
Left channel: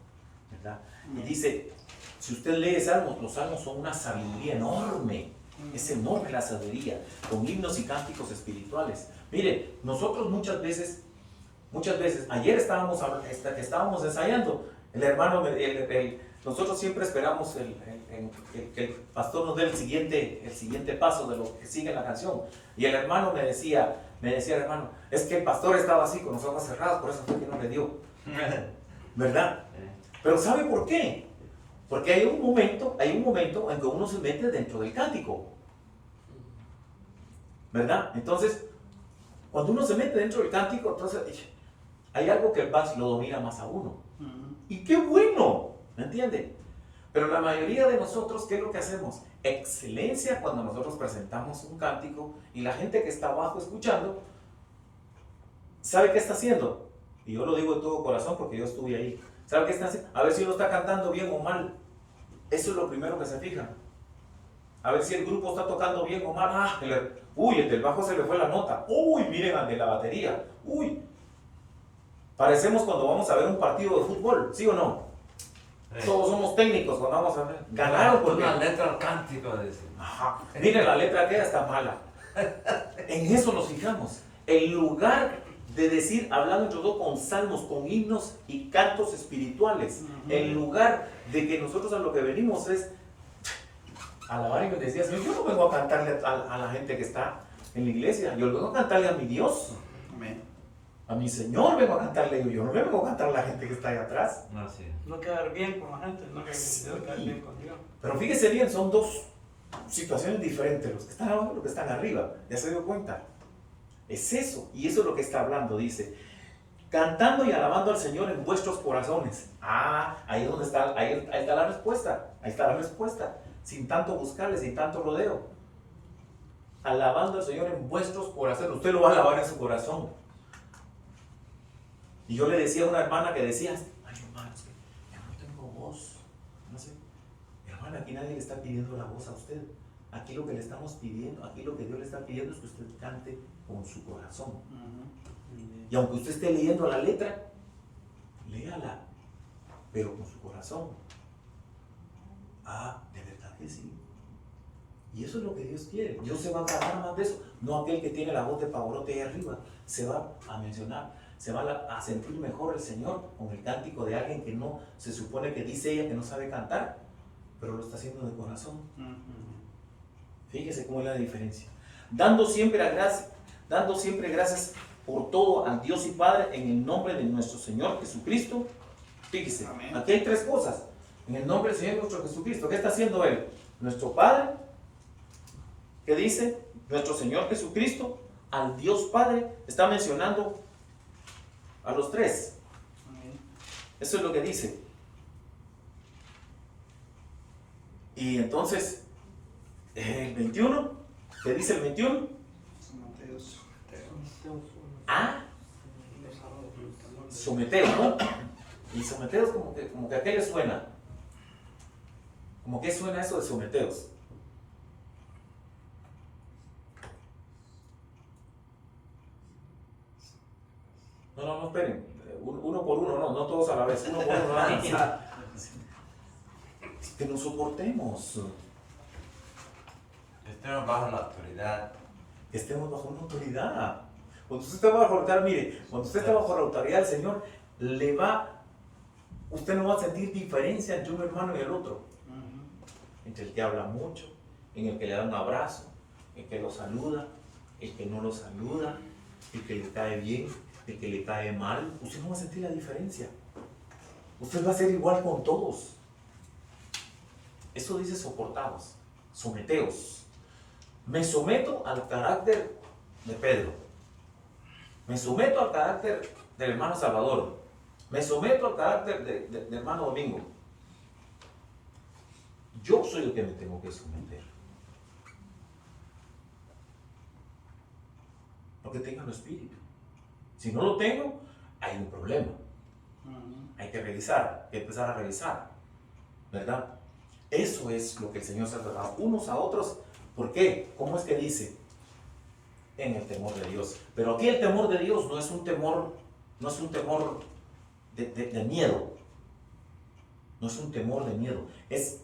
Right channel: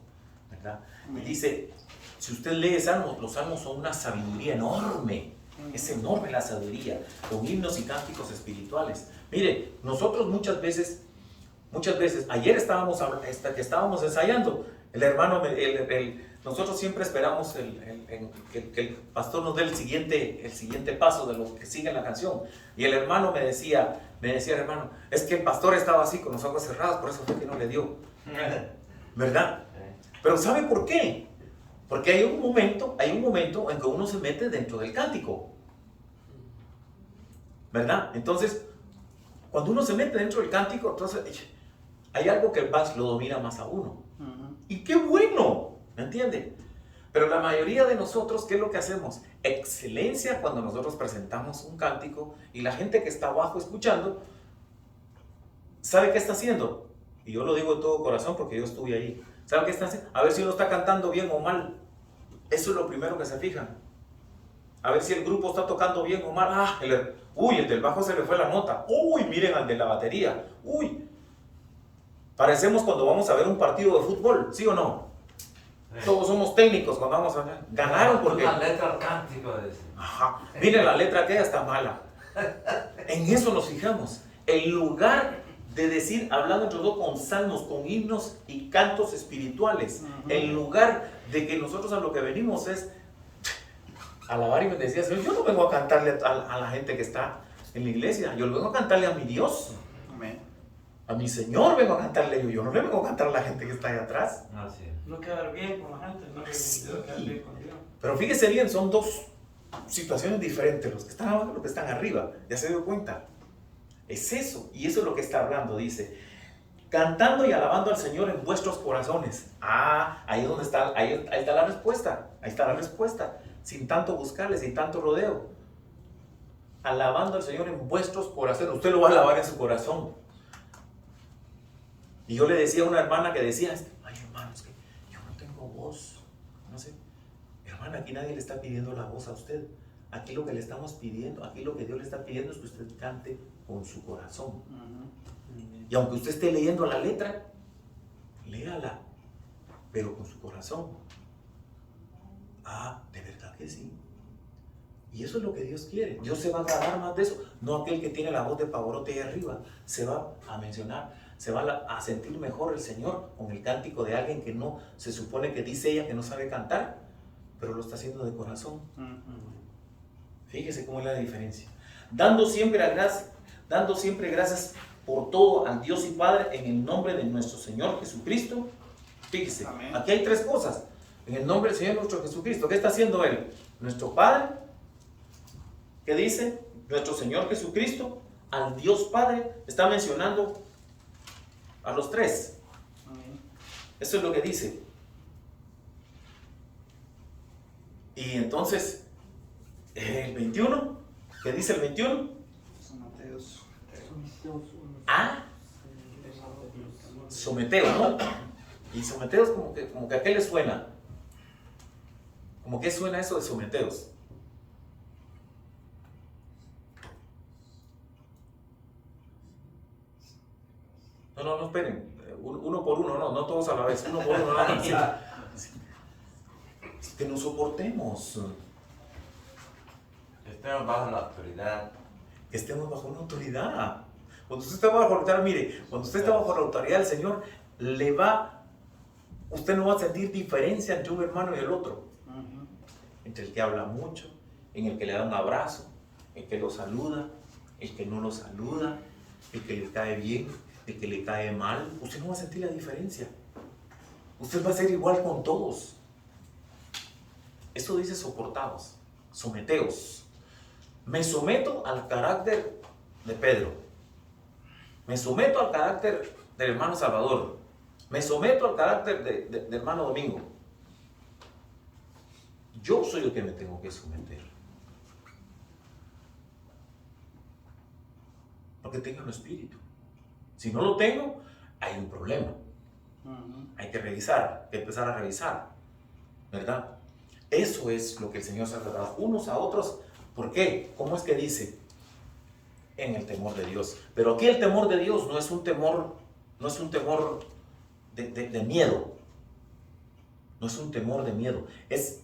¿verdad? Y dice, si usted lee salmos, los salmos son una sabiduría enorme. Es enorme la sabiduría, con himnos y cánticos espirituales. Mire, nosotros muchas veces, ayer que estábamos ensayando, el hermano, nosotros siempre esperamos que el pastor nos dé el siguiente paso de lo que sigue en la canción. Y el hermano me decía, hermano, es que el pastor estaba así con los ojos cerrados, por eso fue que no le dio. ¿Verdad? Pero ¿sabe por qué? Porque hay un momento en que uno se mete dentro del cántico, ¿verdad? Entonces, cuando uno se mete dentro del cántico, entonces hay algo que más lo domina más a uno. Y qué bueno, ¿me entiende? Pero la mayoría de nosotros, ¿qué es lo que hacemos? Excelencia cuando nosotros presentamos un cántico y la gente que está abajo escuchando, ¿sabe qué está haciendo? Y yo lo digo de todo corazón porque yo estuve ahí. ¿Sabe qué está haciendo? A ver si uno está cantando bien o mal. Eso es lo primero que se fijan. A ver si el grupo está tocando bien o mal. Ah, uy, el del bajo se le fue la nota. Uy, miren al de la batería. Uy. Parecemos cuando vamos a ver un partido de fútbol, ¿sí o no? Sí. Todos somos técnicos cuando vamos a ver. Ganaron porque... La letra al cántico, decir. Ajá. Miren, la letra aquella está mala. En eso nos fijamos. En lugar de decir, hablando entre nosotros con salmos, con himnos y cantos espirituales, en lugar de que nosotros a lo que venimos es alabar y bendecir. Yo no vengo a cantarle a la gente que está en la iglesia, yo vengo a cantarle a mi Dios. Amén. A mi Señor vengo a cantarle, yo no le vengo a cantar a la gente que está ahí atrás. Así es. No quedar bien con la gente, no quedar bien con Dios. Pero fíjese bien, son dos situaciones diferentes, los que están abajo y los que están arriba. ¿Ya se dio cuenta? Es eso, y eso es lo que está hablando, dice, cantando y alabando al Señor en vuestros corazones. Ah, ahí es donde está, ahí está la respuesta, ahí está la respuesta, sin tanto buscarle, sin tanto rodeo. Alabando al Señor en vuestros corazones, usted lo va a alabar en su corazón. Y yo le decía a una hermana que decía, ay hermanos, que yo no tengo voz, no sé, hermana, aquí nadie le está pidiendo la voz a usted. Aquí lo que le estamos pidiendo, aquí lo que Dios le está pidiendo es que usted cante con su corazón. Y aunque usted esté leyendo la letra, léala, pero con su corazón. Ah, de verdad que sí. Y eso es lo que Dios quiere. Dios se va a agarrar más de eso. No aquel que tiene la voz de pavorote ahí arriba. Se va a mencionar, se va a sentir mejor el Señor con el cántico de alguien que no, se supone que dice ella que no sabe cantar, pero lo está haciendo de corazón. Fíjese cómo es la diferencia. Dando siempre gracias por todo al Dios y Padre en el nombre de nuestro Señor Jesucristo. Fíjese, amén. Aquí hay tres cosas. En el nombre del Señor nuestro Jesucristo. ¿Qué está haciendo Él? Nuestro Padre. ¿Qué dice? Nuestro Señor Jesucristo. Al Dios Padre. Está mencionando a los tres. Amén. Eso es lo que dice. Y entonces... el 21, ¿qué dice el 21? Someteos. Ah, someteos, ¿no? Y someteos como que a qué le suena. ¿Cómo que suena eso de someteos? No, esperen. Uno por uno, no todos a la vez. Uno por uno. Que nos soportemos. Estemos bajo la autoridad. Estemos bajo una autoridad. Cuando usted está bajo la autoridad, mire, cuando usted está bajo la autoridad del Señor, usted no va a sentir diferencia entre un hermano y el otro. Entre el que habla mucho, en el que le da un abrazo, el que lo saluda, el que no lo saluda, el que le cae bien, el que le cae mal. Usted no va a sentir la diferencia. Usted va a ser igual con todos. Eso dice soportados, someteos. Me someto al carácter de Pedro. Me someto al carácter del hermano Salvador. Me someto al carácter del hermano Domingo. Yo soy el que me tengo que someter. Porque tengo el espíritu. Si no lo tengo, hay un problema. Hay que revisar, hay que empezar a revisar. ¿Verdad? Eso es lo que el Señor se ha tratado unos a otros. ¿Por qué? ¿Cómo es que dice? En el temor de Dios. Pero aquí el temor de Dios no es un temor de miedo. No es un temor de miedo. Es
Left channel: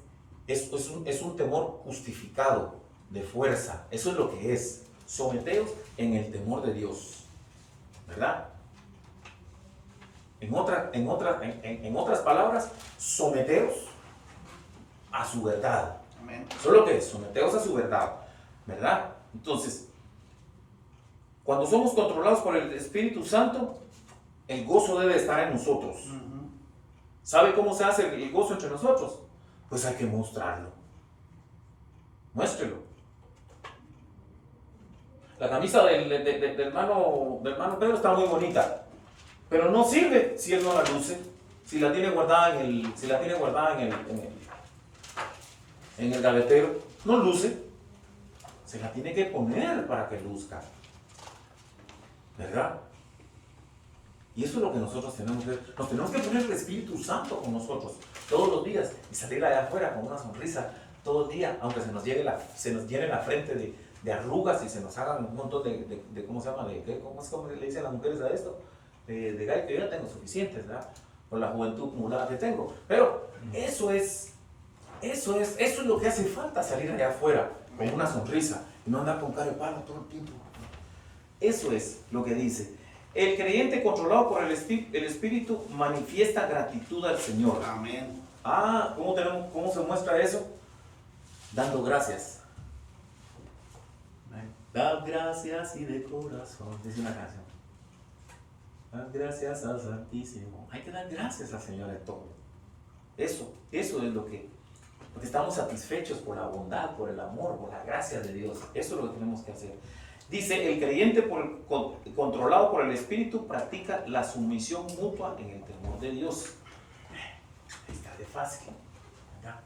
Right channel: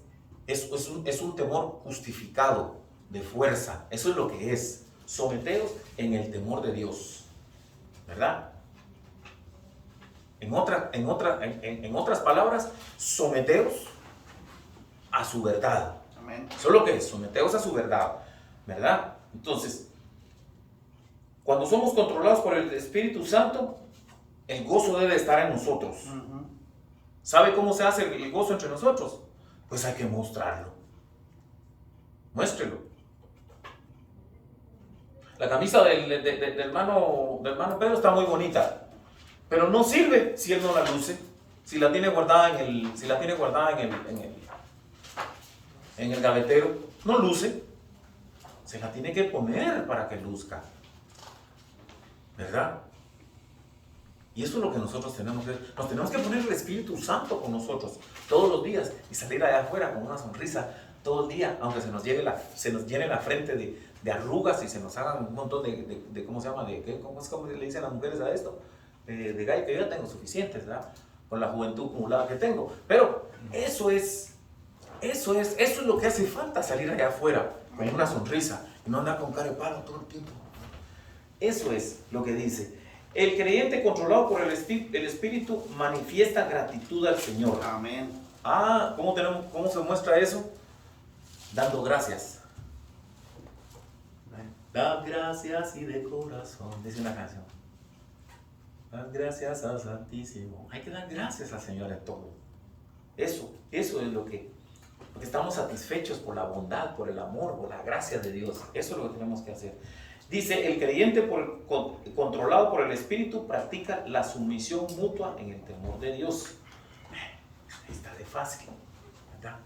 un temor justificado, de fuerza. Eso es lo que es. Someteos en el temor de Dios. ¿Verdad? En otras palabras, someteos a su verdad. Amén. Eso es lo que es, someteos a su verdad, ¿verdad? Entonces, cuando somos controlados por el Espíritu Santo, el gozo debe estar en nosotros. ¿Sabe cómo se hace el gozo entre nosotros? pues hay que mostrarlo. Muéstrelo. La camisa del hermano Pedro está muy bonita, pero no sirve si él no la luce, si la tiene guardada en el gavetero, no luce. Se la tiene que poner para que luzca, ¿verdad? Y eso es lo que nosotros tenemos que hacer. Nos tenemos que poner el Espíritu Santo con nosotros todos los días y salir allá afuera con una sonrisa todo el día, aunque se nos llene la frente de arrugas y se nos hagan un montón de ¿cómo se llama? ¿Cómo le dicen las mujeres a esto? De gallo, que yo tengo suficientes, ¿verdad? Por la juventud acumulada que tengo. Pero eso es lo que hace falta, salir allá afuera con una sonrisa y no andar con cara de palo todo el tiempo. Eso es lo que dice. El creyente controlado por el Espíritu manifiesta gratitud al Señor. Amén. ¿Cómo se muestra eso? Dando gracias. Da gracias y de corazón, dice una canción. Da gracias al Santísimo. Hay que dar gracias al Señor en todo. Eso es porque estamos satisfechos por la bondad, por el amor, por la gracia de Dios. Eso es lo que tenemos que hacer. Dice, el creyente controlado por el Espíritu practica la sumisión mutua en el temor de Dios. Ahí está de fácil, ¿verdad?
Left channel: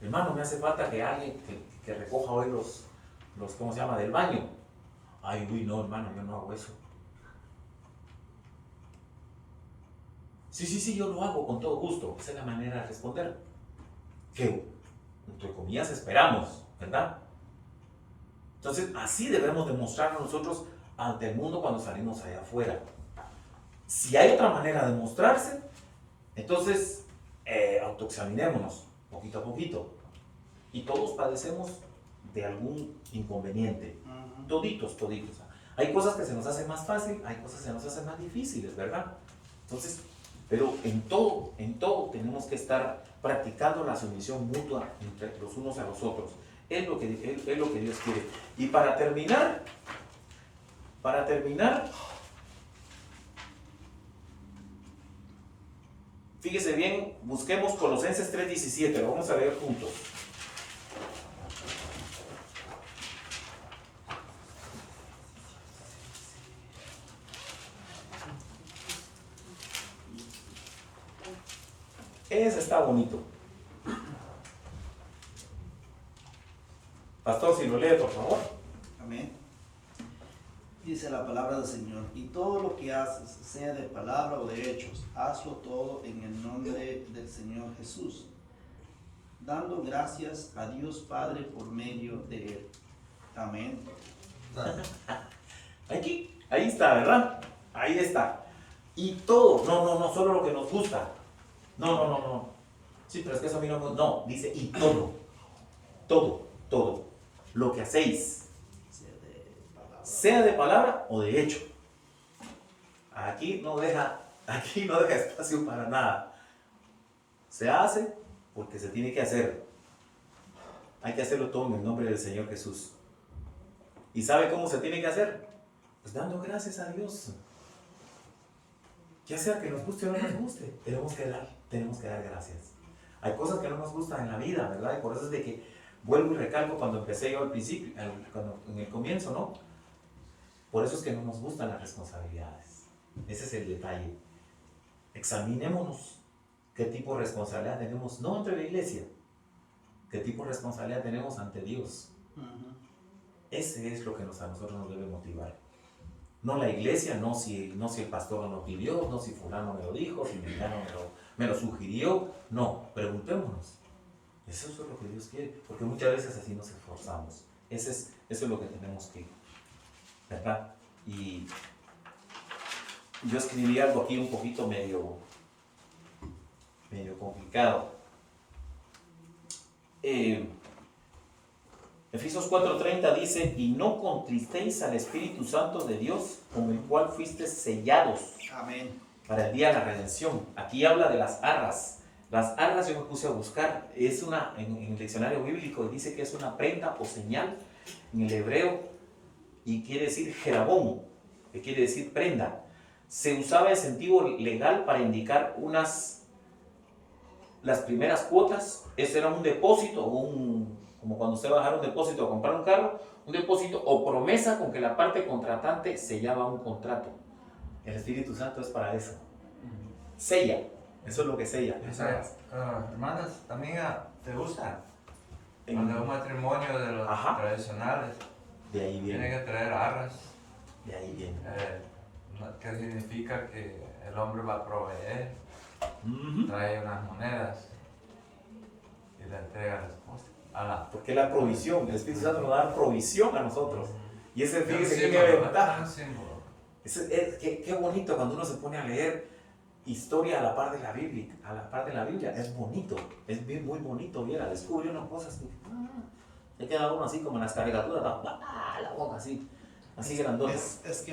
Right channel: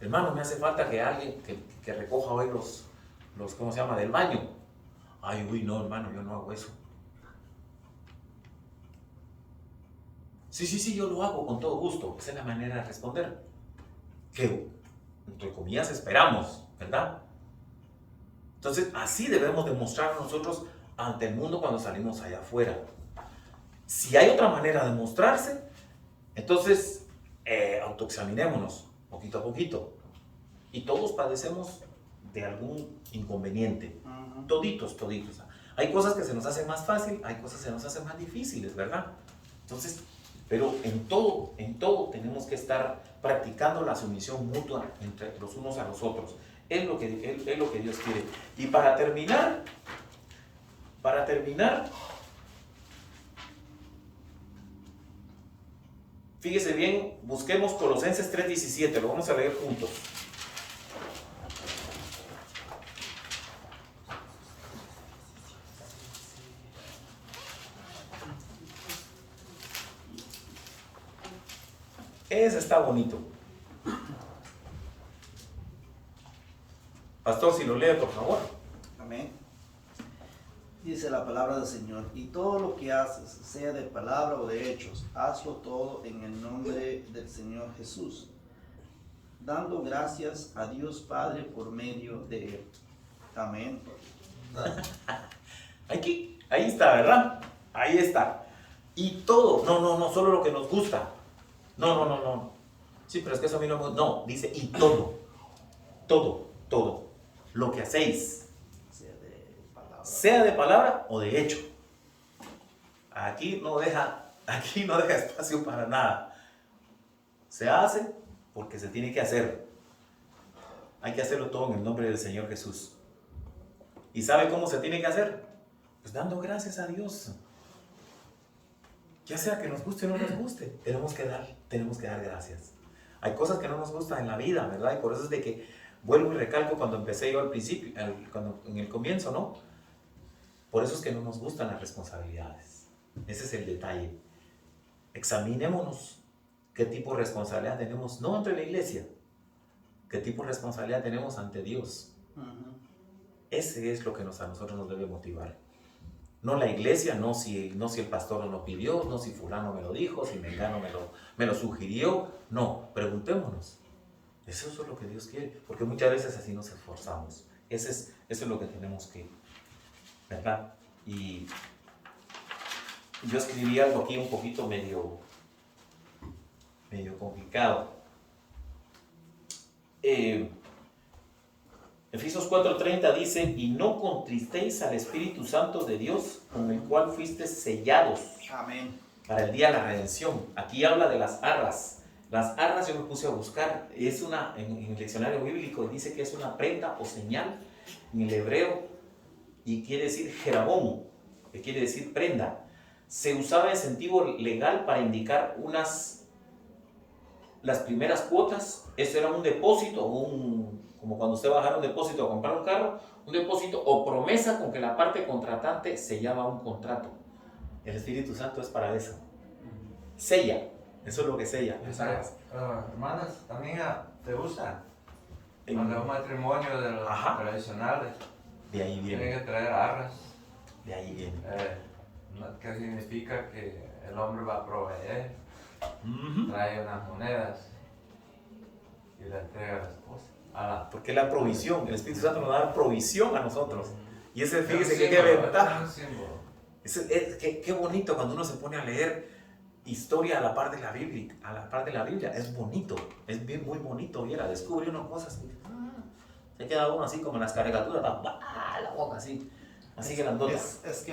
Hermano, me hace falta que alguien que recoja hoy los ¿cómo se llama? Del baño. Ay, uy, no, hermano, yo no hago eso. Sí, yo lo hago con todo gusto. Esa es la manera de responder. Que, entre comillas, esperamos, ¿verdad? Entonces, así debemos demostrar nosotros ante el mundo cuando salimos allá afuera. Si hay otra manera de mostrarse, entonces autoexaminémonos poquito a poquito. Y todos padecemos de algún inconveniente. Toditos. Hay cosas que se nos hacen más fácil, hay cosas que se nos hacen más difíciles, ¿verdad? Entonces, pero en todo tenemos que estar practicando la sumisión mutua entre los unos a los otros. Es lo que Dios quiere. Y para terminar, fíjese bien, busquemos Colosenses 3:17, lo vamos a leer juntos. Ese está bonito. Pastor, si lo lee, por favor. Amén. Dice la palabra del Señor, y todo lo que haces, sea de palabra o de hechos, hazlo todo en el nombre del Señor Jesús, dando gracias a Dios Padre por medio de Él. Amén. Ahí está, ¿verdad? Ahí está. Y todo, no, solo lo que nos gusta. No. Sí, pero es que eso a mí no me gusta. No, dice, y todo. Lo que hacéis, sea de palabra o de hecho. Aquí no deja espacio para nada. Se hace porque se tiene que hacer. Hay que hacerlo todo en el nombre del Señor Jesús. ¿Y sabe cómo se tiene que hacer? Pues dando gracias a Dios. Ya sea que nos guste o no nos guste, tenemos que dar gracias. Hay cosas que no nos gustan en la vida, ¿verdad? Y por eso es de que vuelvo y recalco cuando empecé yo al principio, en el comienzo, ¿no? Por eso es que no nos gustan las responsabilidades. Ese es el detalle. Examinémonos qué tipo de responsabilidad tenemos, no ante la iglesia, qué tipo de responsabilidad tenemos ante Dios. Ese es lo que a nosotros nos debe motivar. No la iglesia, no si el pastor no lo pidió, no si fulano me lo dijo, si mengano me lo sugirió. No, preguntémonos. Eso es lo que Dios quiere, porque muchas veces así nos esforzamos. Eso es lo que tenemos que, ¿verdad? Y yo escribí algo aquí un poquito medio complicado. Efesios 4:30 dice, y no contristéis al Espíritu Santo de Dios, con el cual fuisteis sellados. Amén. Para el día de la redención. Aquí habla de las arras. Las arras yo me puse a buscar. En el diccionario bíblico dice que es una prenda o señal en el hebreo y quiere decir jerabón, que quiere decir prenda. Se usaba en sentido legal para indicar las primeras cuotas, ese era un depósito, como cuando usted va a dejar un depósito a comprar un carro, un depósito o promesa con que la parte contratante sellaba un contrato. El Espíritu Santo es para eso. Sella, eso es lo que sella. Hermanas, también te gusta. Cuando es un matrimonio de los tradicionales, De ahí viene. tienen que traer arras. De ahí viene. Que significa que el hombre va a proveer, trae unas monedas y le entrega a la esposa. Porque la provisión, el Espíritu Santo nos da provisión a nosotros. Y ese, fíjese que qué ventaja. Qué bonito cuando uno se pone a leer historia a la par de la Biblia, es bonito, es bien, muy bonito, viera, descubre uno cosas que se queda uno así como en las caricaturas, la boca así grandota. Es que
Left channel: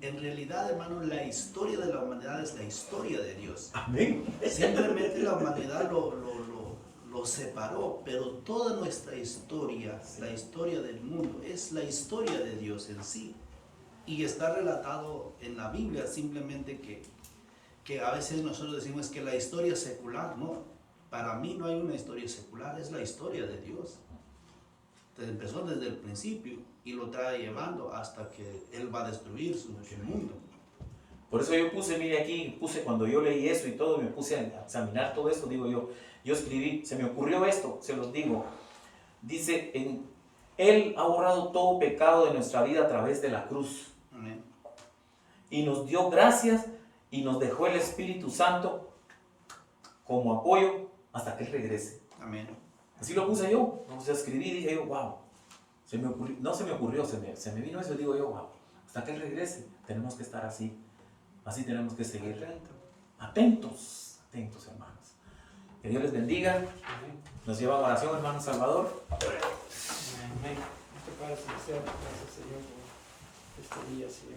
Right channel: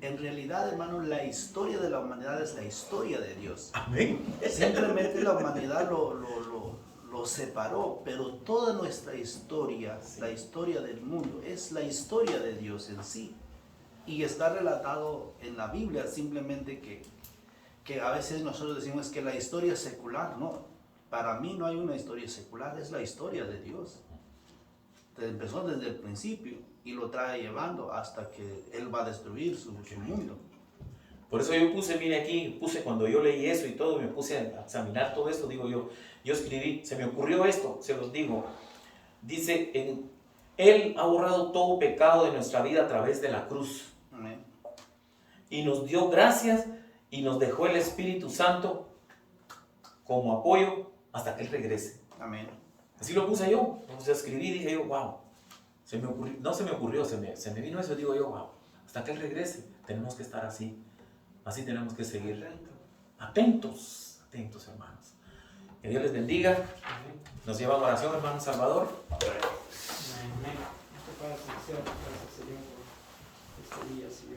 en realidad, hermano, la historia de la humanidad es la historia de Dios. Amén. Simplemente la humanidad lo separó, pero toda nuestra historia, la historia del mundo, es la historia de Dios en sí. Y está relatado en la Biblia, simplemente que a veces nosotros decimos que la historia es secular, no. Para mí no hay una historia secular, es la historia de Dios. Empezó desde el principio y lo trae llevando hasta que Él va a destruir su mundo. Por eso yo mire aquí, cuando yo leí eso y todo, me puse a examinar todo esto, digo yo escribí, se me ocurrió esto, se los digo. Dice, Él ha borrado todo pecado de nuestra vida a través de la cruz. Amén. Y nos dio gracias y nos dejó el Espíritu Santo como apoyo hasta que Él regrese. Amén. Así lo puse yo, escribí y dije yo, wow, se me vino eso y digo yo, wow, hasta que Él regrese, tenemos que estar así tenemos que seguir atentos, hermanos. Que Dios les bendiga, nos lleva a oración, hermano Salvador. Amén. ¿Qué pasa, Señor? Gracias, Señor, por este día, Señor.